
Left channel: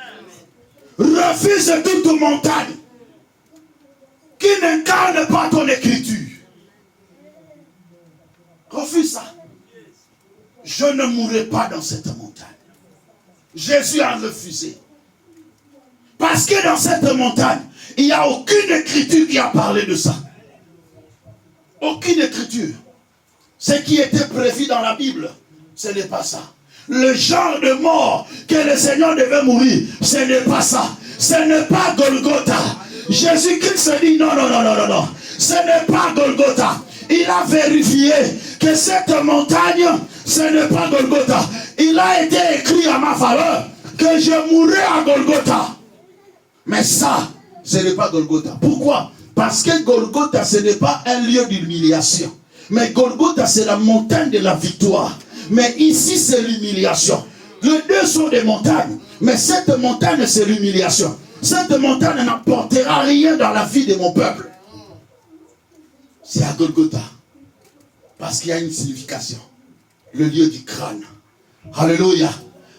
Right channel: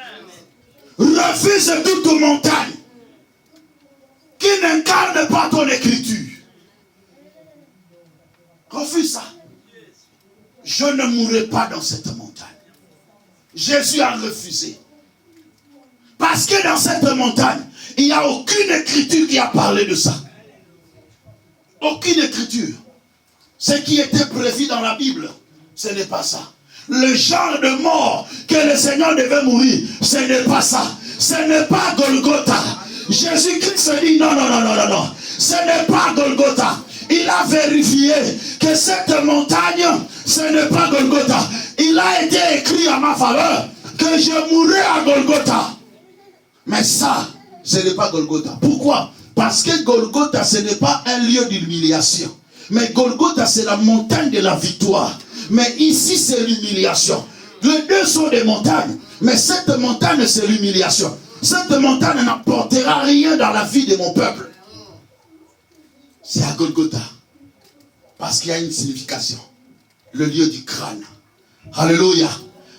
Refuse toute montagne qui n'incarne pas ton écriture. Refuse ça. Je ne mourrai pas dans cette montagne. Jésus a refusé. Parce que dans cette montagne, il n'y a aucune écriture qui a parlé de ça. Aucune écriture. Ce qui était prévu dans la Bible, ce n'est pas ça. Le genre de mort que le Seigneur devait mourir, ce n'est pas ça. Ce n'est pas Golgotha. Jésus-Christ dit non, non, non, non, non, non. Ce n'est pas Golgotha. Il a vérifié que cette montagne, ce n'est pas Golgotha. Il a été écrit à ma faveur que je mourrai à Golgotha. Mais ça, ce n'est pas Golgotha. Pourquoi? Parce que Golgotha, ce n'est pas un lieu d'humiliation. Mais Golgotha, c'est la montagne de la victoire. Mais ici, c'est l'humiliation. Les deux sont des montagnes. Mais cette montagne, c'est l'humiliation. Cette montagne n'apportera rien dans la vie de mon peuple. C'est à Golgotha. Parce qu'il y a une signification. Le lieu du crâne. Alléluia.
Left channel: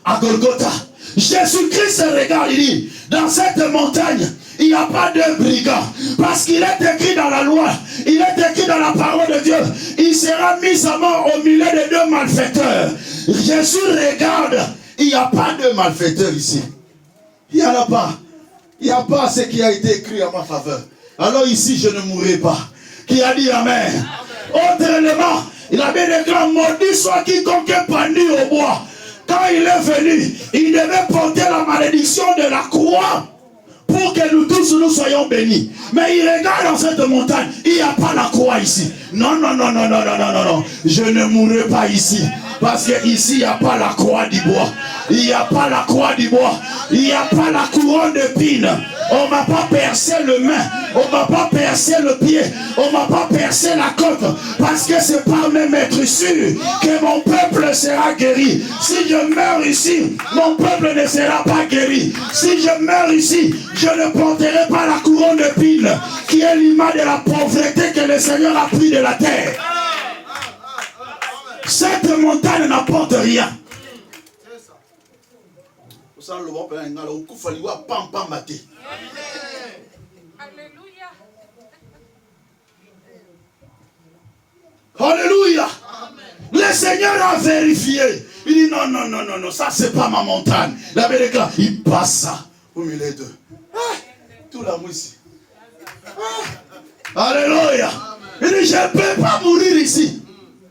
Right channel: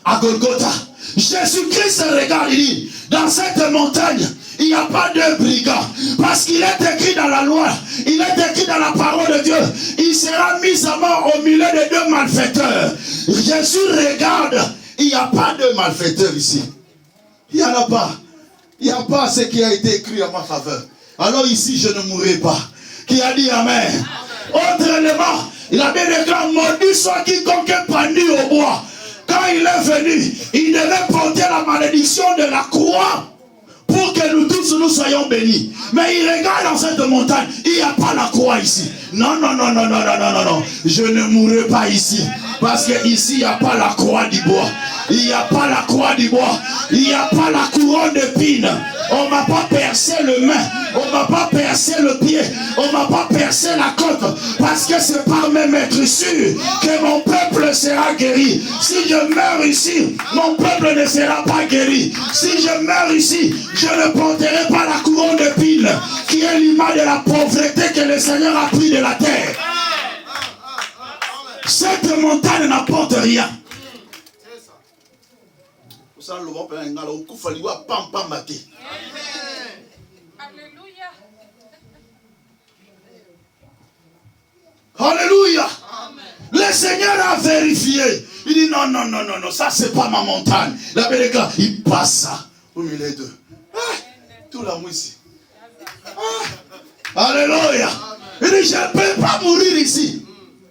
À Golgotha. Jésus-Christ regarde, il dit, dans cette montagne, il n'y a pas de brigands. Parce qu'il est écrit dans la loi, il est écrit dans la parole de Dieu, il sera mis à mort au milieu de deux malfaiteurs. Jésus regarde, il n'y a pas de malfaiteurs ici. Il n'y en a pas. Il n'y a pas ce qui a été écrit à ma faveur. Alors ici, je ne mourrai pas. Qui a dit Amen? Autre élément, il a bien déclaré, maudit soit quiconque est pendu au bois. Quand il est venu, il devait porter la malédiction de la croix pour que nous tous nous soyons bénis. Mais il regarde dans cette montagne, il n'y a pas la croix ici. Non, non, non, non, non, non, non, non, non. Je ne mourrai pas ici. Parce que ici, il n'y a pas la croix du bois. Il n'y a pas la croix du bois. Il n'y a pas la couronne d'épines. On ne m'a pas percé le main. On ne m'a pas percé le pied. On ne m'a pas percé la côte. Parce que c'est par mes maîtrisures que mon peuple sera guéri. Si je meurs ici, mon peuple ne sera pas guéri. Si je meurs ici, je ne porterai pas la couronne d'épines qui est l'image de la pauvreté que le Seigneur a pris de la terre. Cette montagne n'apporte rien. Alléluia. Le Seigneur a vérifié. Il dit non, non, non, non, non, ça c'est pas ma montagne. La Béréka, il passe ça au milieu d'eux. Tout l'amour ici. Alléluia. Il dit je ne peux pas mourir ici.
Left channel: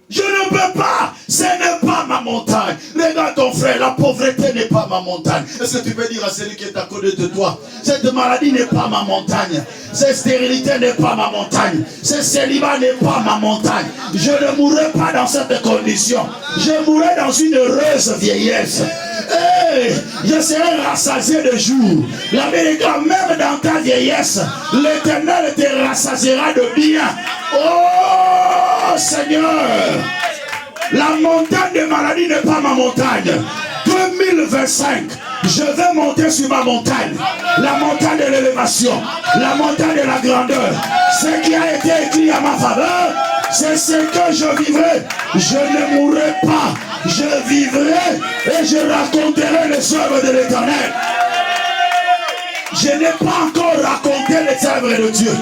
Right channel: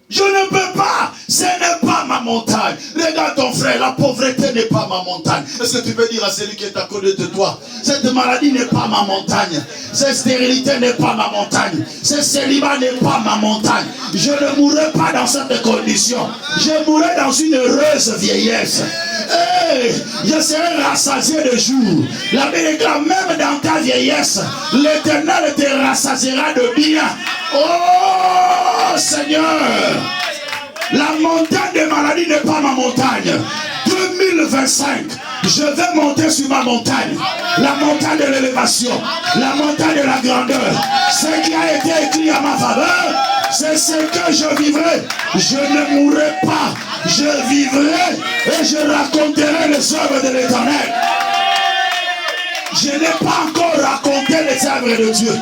Je ne peux pas. Ce n'est pas ma montagne. Regarde ton frère, la pauvreté n'est pas ma montagne. Est-ce que tu peux dire à celui qui est à côté de toi, cette maladie n'est pas ma montagne. Cette stérilité n'est pas ma montagne. Ce célibat n'est pas ma montagne. Je ne mourrai pas dans cette condition. Je mourrai dans une heureuse vieillesse. Hey, je serai rassasié de jour. La vérité, même dans ta vieillesse, l'Éternel te rassasiera de bien. Oh Seigneur, la montagne de maladie n'est pas ma montagne. Peu 2025, je vais monter sur ma montagne. La montagne de l'élévation, la montagne de la grandeur. Ce qui a été écrit à ma faveur, c'est ce que je vivrai. Je ne mourrai pas. Je vivrai et je raconterai les œuvres de l'Éternel. Je n'ai pas encore raconté les œuvres de Dieu.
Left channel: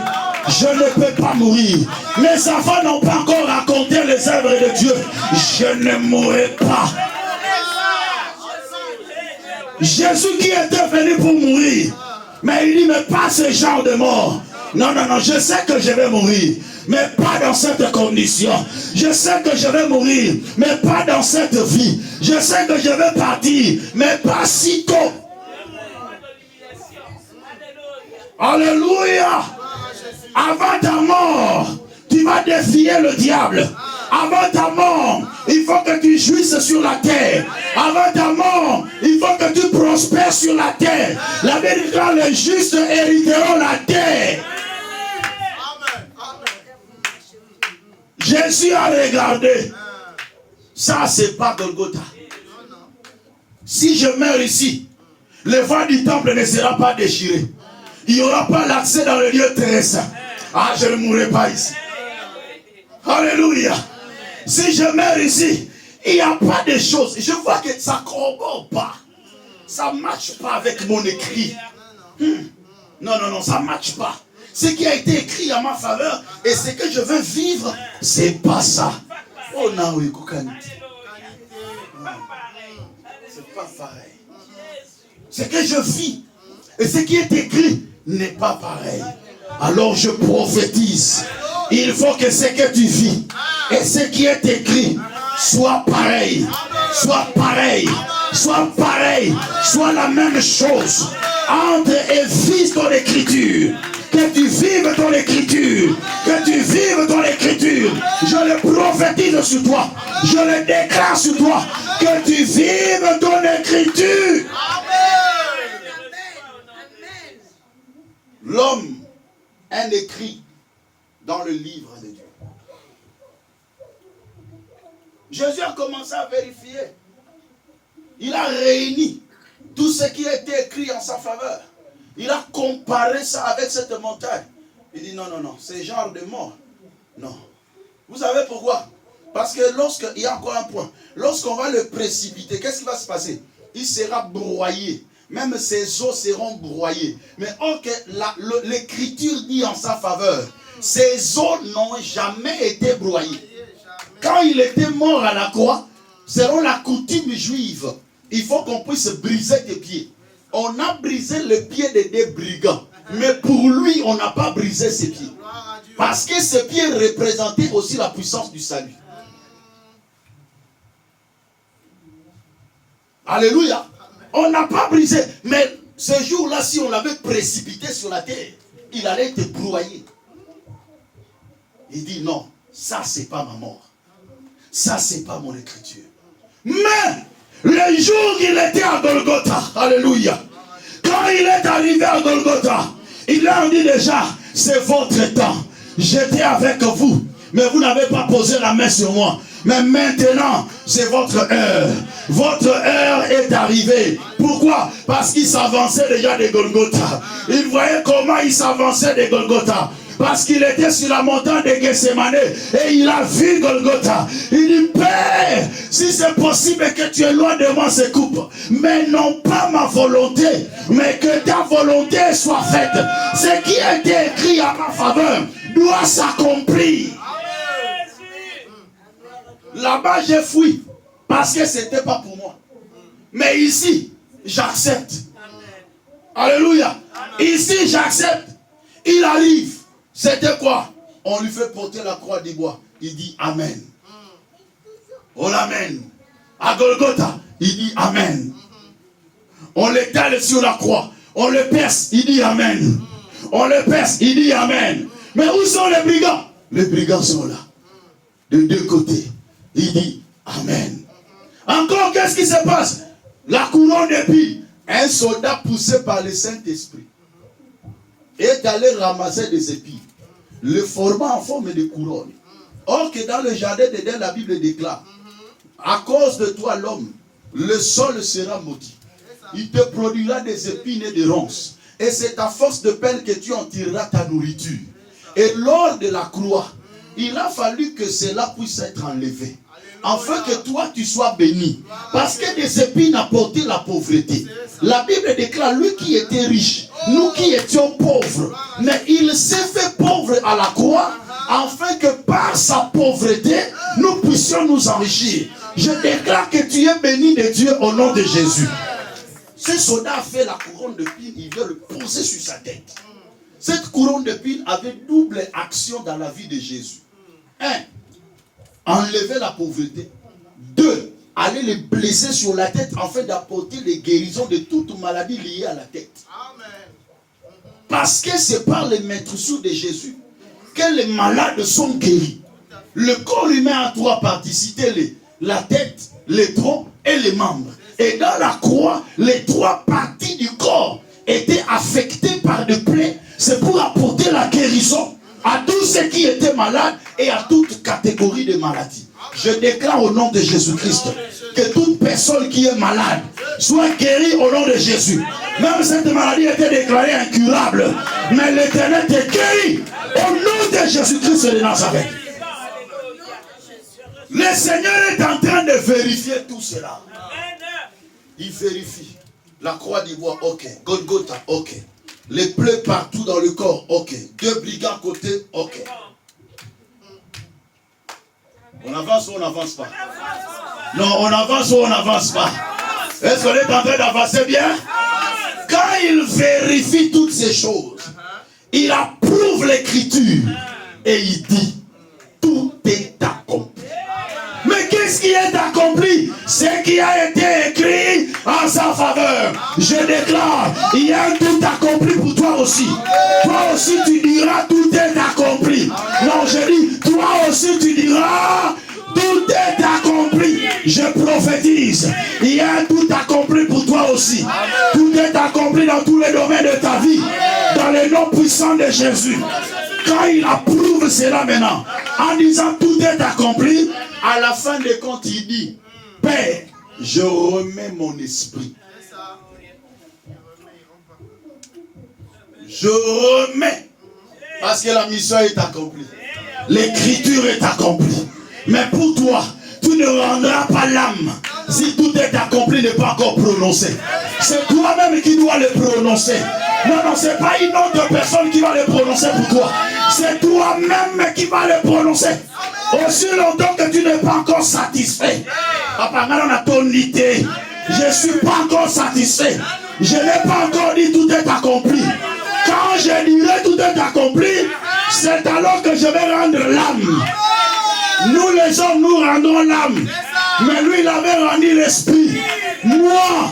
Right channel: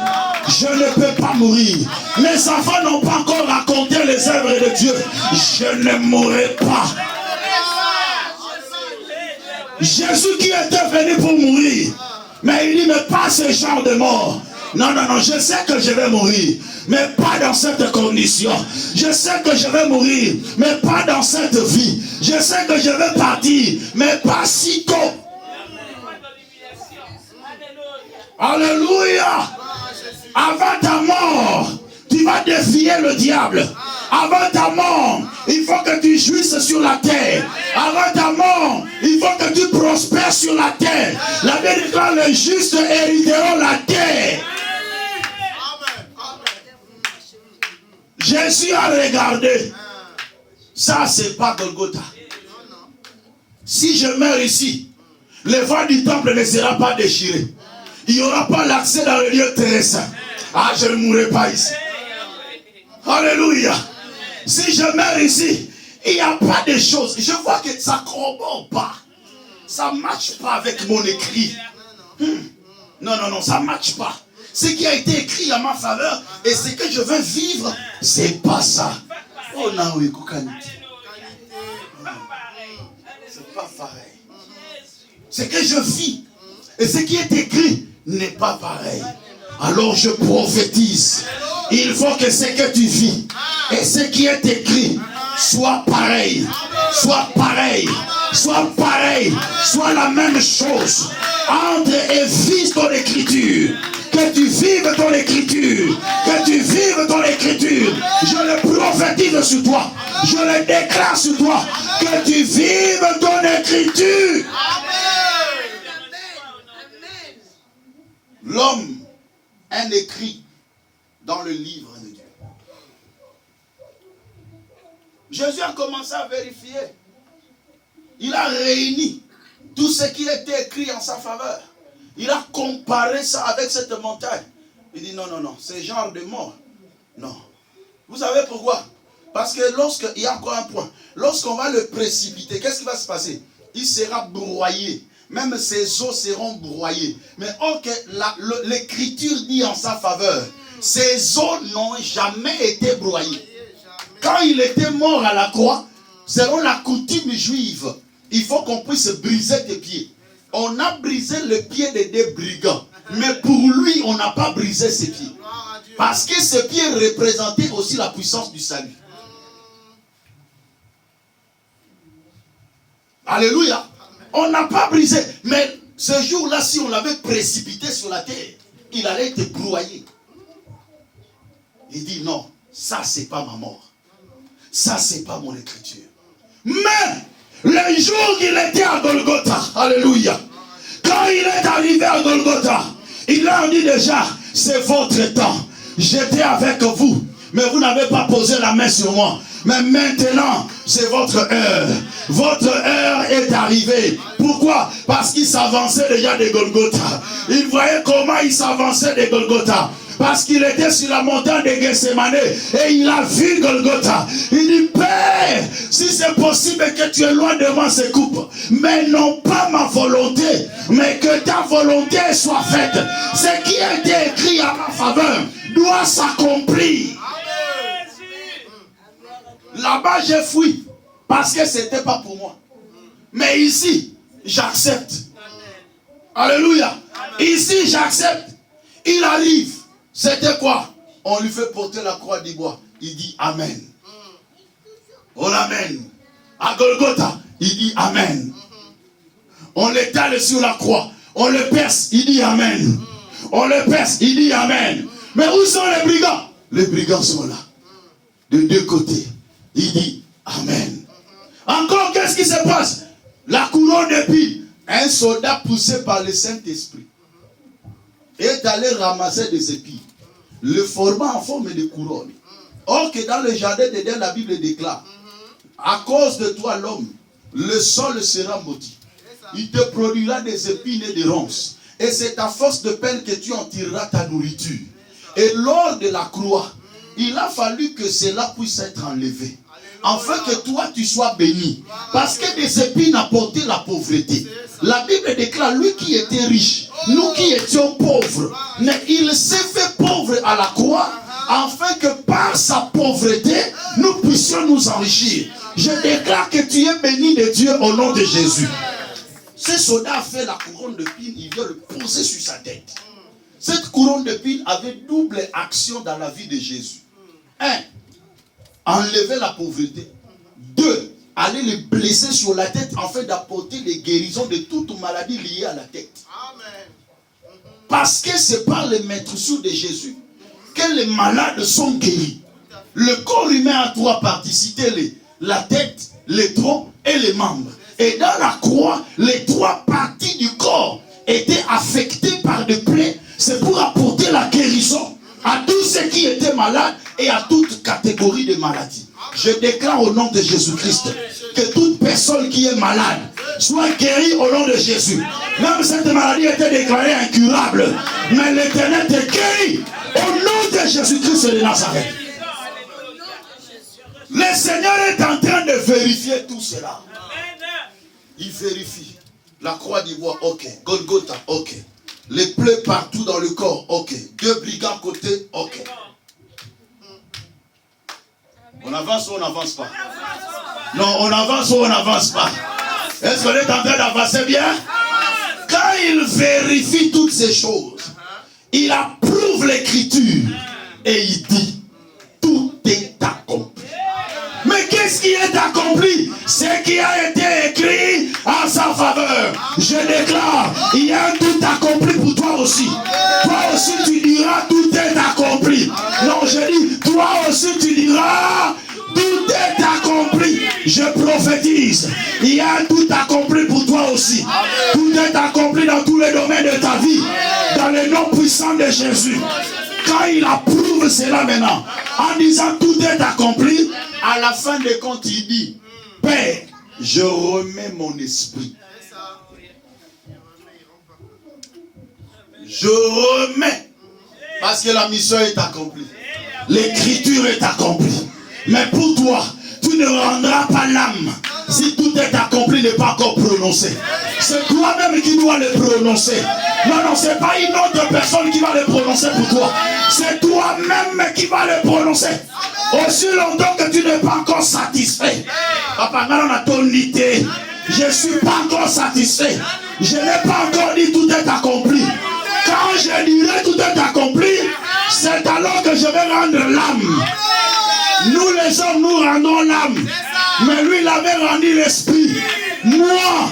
Je ne peux pas mourir. Mes enfants n'ont pas encore raconté les œuvres de Dieu. Je ne mourrai pas. Jésus qui était venu pour mourir, mais il dit, mais pas ce genre de mort. Non, non, non, je sais que je vais mourir, mais pas dans cette condition. Je sais que je vais mourir, mais pas dans cette vie. Je sais que je vais partir, mais pas si tôt. Alléluia. Avant ta mort, tu vas défier le diable. Avant ta mort, il faut que tu jouisses sur la terre. Avant ta mort, il faut que tu prospères sur la terre. La Bible dit que les justes hériteront la terre. Jésus a regardé. Ça, c'est pas Golgotha. Si je meurs ici, le vent du temple ne sera pas déchiré. Il n'y aura pas l'accès dans le lieu très saint. Ah, je ne mourrai pas ici. Alléluia. Si je meurs ici, il n'y a pas de choses. Je vois que ça ne corrobore pas. Ça ne matche pas avec mon écrit. Non, non, non, ça ne matche pas. Ce qui a été écrit en ma faveur et ce que je veux vivre, c'est pas ça. Oh non, oui, c'est pas pareil. Ce que je vis et ce qui est écrit n'est pas pareil. Alors je prophétise. Il faut que ce que tu vis et ce qui est écrit soit pareil. Soit pareil. Soit pareil. Soit la même chose. Entre et vis ton écriture. Que tu vives ton écriture. Que tu vives ton écriture. Je le prophétise sur toi. Je le déclare sur toi. Que tu vives ton écriture. L'homme, un écrit dans le livre de Dieu. Jésus a commencé à vérifier. Il a réuni tout ce qui était écrit en sa faveur. Il a comparé ça avec cette montagne. Il dit non, non, non, c'est genre de mort. Non. Vous savez pourquoi? Parce que il y a encore un point. Lorsqu'on va le précipiter, qu'est-ce qui va se passer? Il sera broyé. Même ses os seront broyés. Mais l'écriture dit en sa faveur, ses os n'ont jamais été broyés. Quand il était mort à la croix, selon la coutume juive, il faut qu'on puisse briser tes pieds. On a brisé les pieds des brigands. Mais pour lui, on n'a pas brisé ses pieds. Parce que ses pieds représentaient aussi la puissance du salut. Alléluia. On n'a pas brisé. Mais ce jour-là, si on l'avait précipité sur la terre, il allait être broyé. Il dit non, ça c'est pas ma mort. Ça c'est pas mon écriture. Mais le jour qu'il était à Golgotha, alléluia, quand il est arrivé à Golgotha, il a dit déjà, c'est votre temps. J'étais avec vous, mais vous n'avez pas posé la main sur moi. Mais maintenant, c'est votre heure. Votre heure est arrivée. Pourquoi? Parce qu'il s'avançait déjà de Golgotha. Il voyait comment il s'avançait de Golgotha. Parce qu'il était sur la montagne de Gethsemane et il a vu Golgotha. Il dit, Père, si c'est possible que tu éloignes de moi ces coupes, mais non pas ma volonté, mais que ta volonté soit faite. Ce qui a été écrit à ma faveur doit s'accomplir. Là-bas, j'ai fui parce que ce n'était pas pour moi. Mais ici, j'accepte. Alléluia. Ici, j'accepte. Il arrive. C'était quoi? On lui fait porter la croix du bois. Il dit Amen. On l'amène. À Golgotha, il dit Amen. On l'étale sur la croix. On le perce, il dit Amen. On le perce, il dit Amen. Mais où sont les brigands? Les brigands sont là. De deux côtés. Il dit Amen. Encore, qu'est-ce qui se passe? La couronne d'épines. Un soldat poussé par le Saint-Esprit est allé ramasser des épines, le format en forme de couronne. Or que dans le jardin d'Éden, la Bible déclare, à cause de toi l'homme, le sol sera maudit. Il te produira des épines et des ronces. Et c'est à force de peine que tu en tireras ta nourriture. Et lors de la croix, il a fallu que cela puisse être enlevé. Afin que toi tu sois béni. Parce que des épines apportaient la pauvreté. La Bible déclare, lui qui était riche, nous qui étions pauvres, mais il s'est fait pauvre à la croix, afin que par sa pauvreté, nous puissions nous enrichir. Je déclare que tu es béni de Dieu au nom de Jésus. Ce soldat a fait la couronne de pile, il vient le poser sur sa tête. Cette couronne de pile avait double action dans la vie de Jésus. 1. Enlever la pauvreté. 2. Aller les blesser sur la tête afin d'apporter les guérisons de toute maladie liée à la tête. Parce que c'est par les maîtresses de Jésus que les malades sont guéris. Le corps humain a 3 parties, citez-les: la tête, les troncs et les membres. Et dans la croix, les 3 parties du corps étaient affectées par des plaies. C'est pour apporter la guérison à tous ceux qui étaient malades et à toute catégorie de maladies. Je déclare au nom de Jésus-Christ que toute personne qui est malade soit guérie au nom de Jésus. Même cette maladie était déclarée incurable, mais l'Éternel te guérit au nom de Jésus-Christ de Nazareth. Le Seigneur est en train de vérifier tout cela. Il vérifie. La croix d'ivoire, ok. Golgotha, ok. Les plaies partout dans le corps, ok. 2 brigands à côté, ok. On avance ou on n'avance pas? Non, on avance ou on n'avance pas? Est-ce qu'on est en train d'avancer bien? Quand il vérifie toutes ces choses, il approuve l'écriture et il dit, tout est accompli. Mais qu'est-ce qui est accompli? Ce qui a été écrit en sa faveur. Je déclare, il y a un tout accompli pour toi aussi. Toi aussi tu diras, tout est accompli. Non, je dis, toi aussi tu diras, tout est accompli. Je prophétise, il y a un tout accompli pour toi aussi. Tout est accompli dans tous les domaines de ta vie. Dans le nom puissant de Jésus. Quand il approuve cela maintenant, en disant tout est accompli, à la fin des comptes, il dit, Père, je remets mon esprit. Je remets. Parce que la mission est accomplie. L'écriture est accomplie. Mais pour toi, tu ne rendras pas l'âme si tout est accompli n'est pas encore prononcé. C'est toi-même qui dois le prononcer. Non, ce n'est pas une autre personne qui va le prononcer pour toi. C'est toi-même qui va le prononcer. Aussi longtemps que tu n'es pas encore satisfait. Papa, on a ton idée. Je ne suis pas encore satisfait. Je n'ai pas encore dit tout est accompli. Quand je dirai tout est accompli, c'est alors que je vais rendre l'âme. Nous les hommes, nous rendons l'âme. Mais lui, il avait rendu l'esprit. Moi,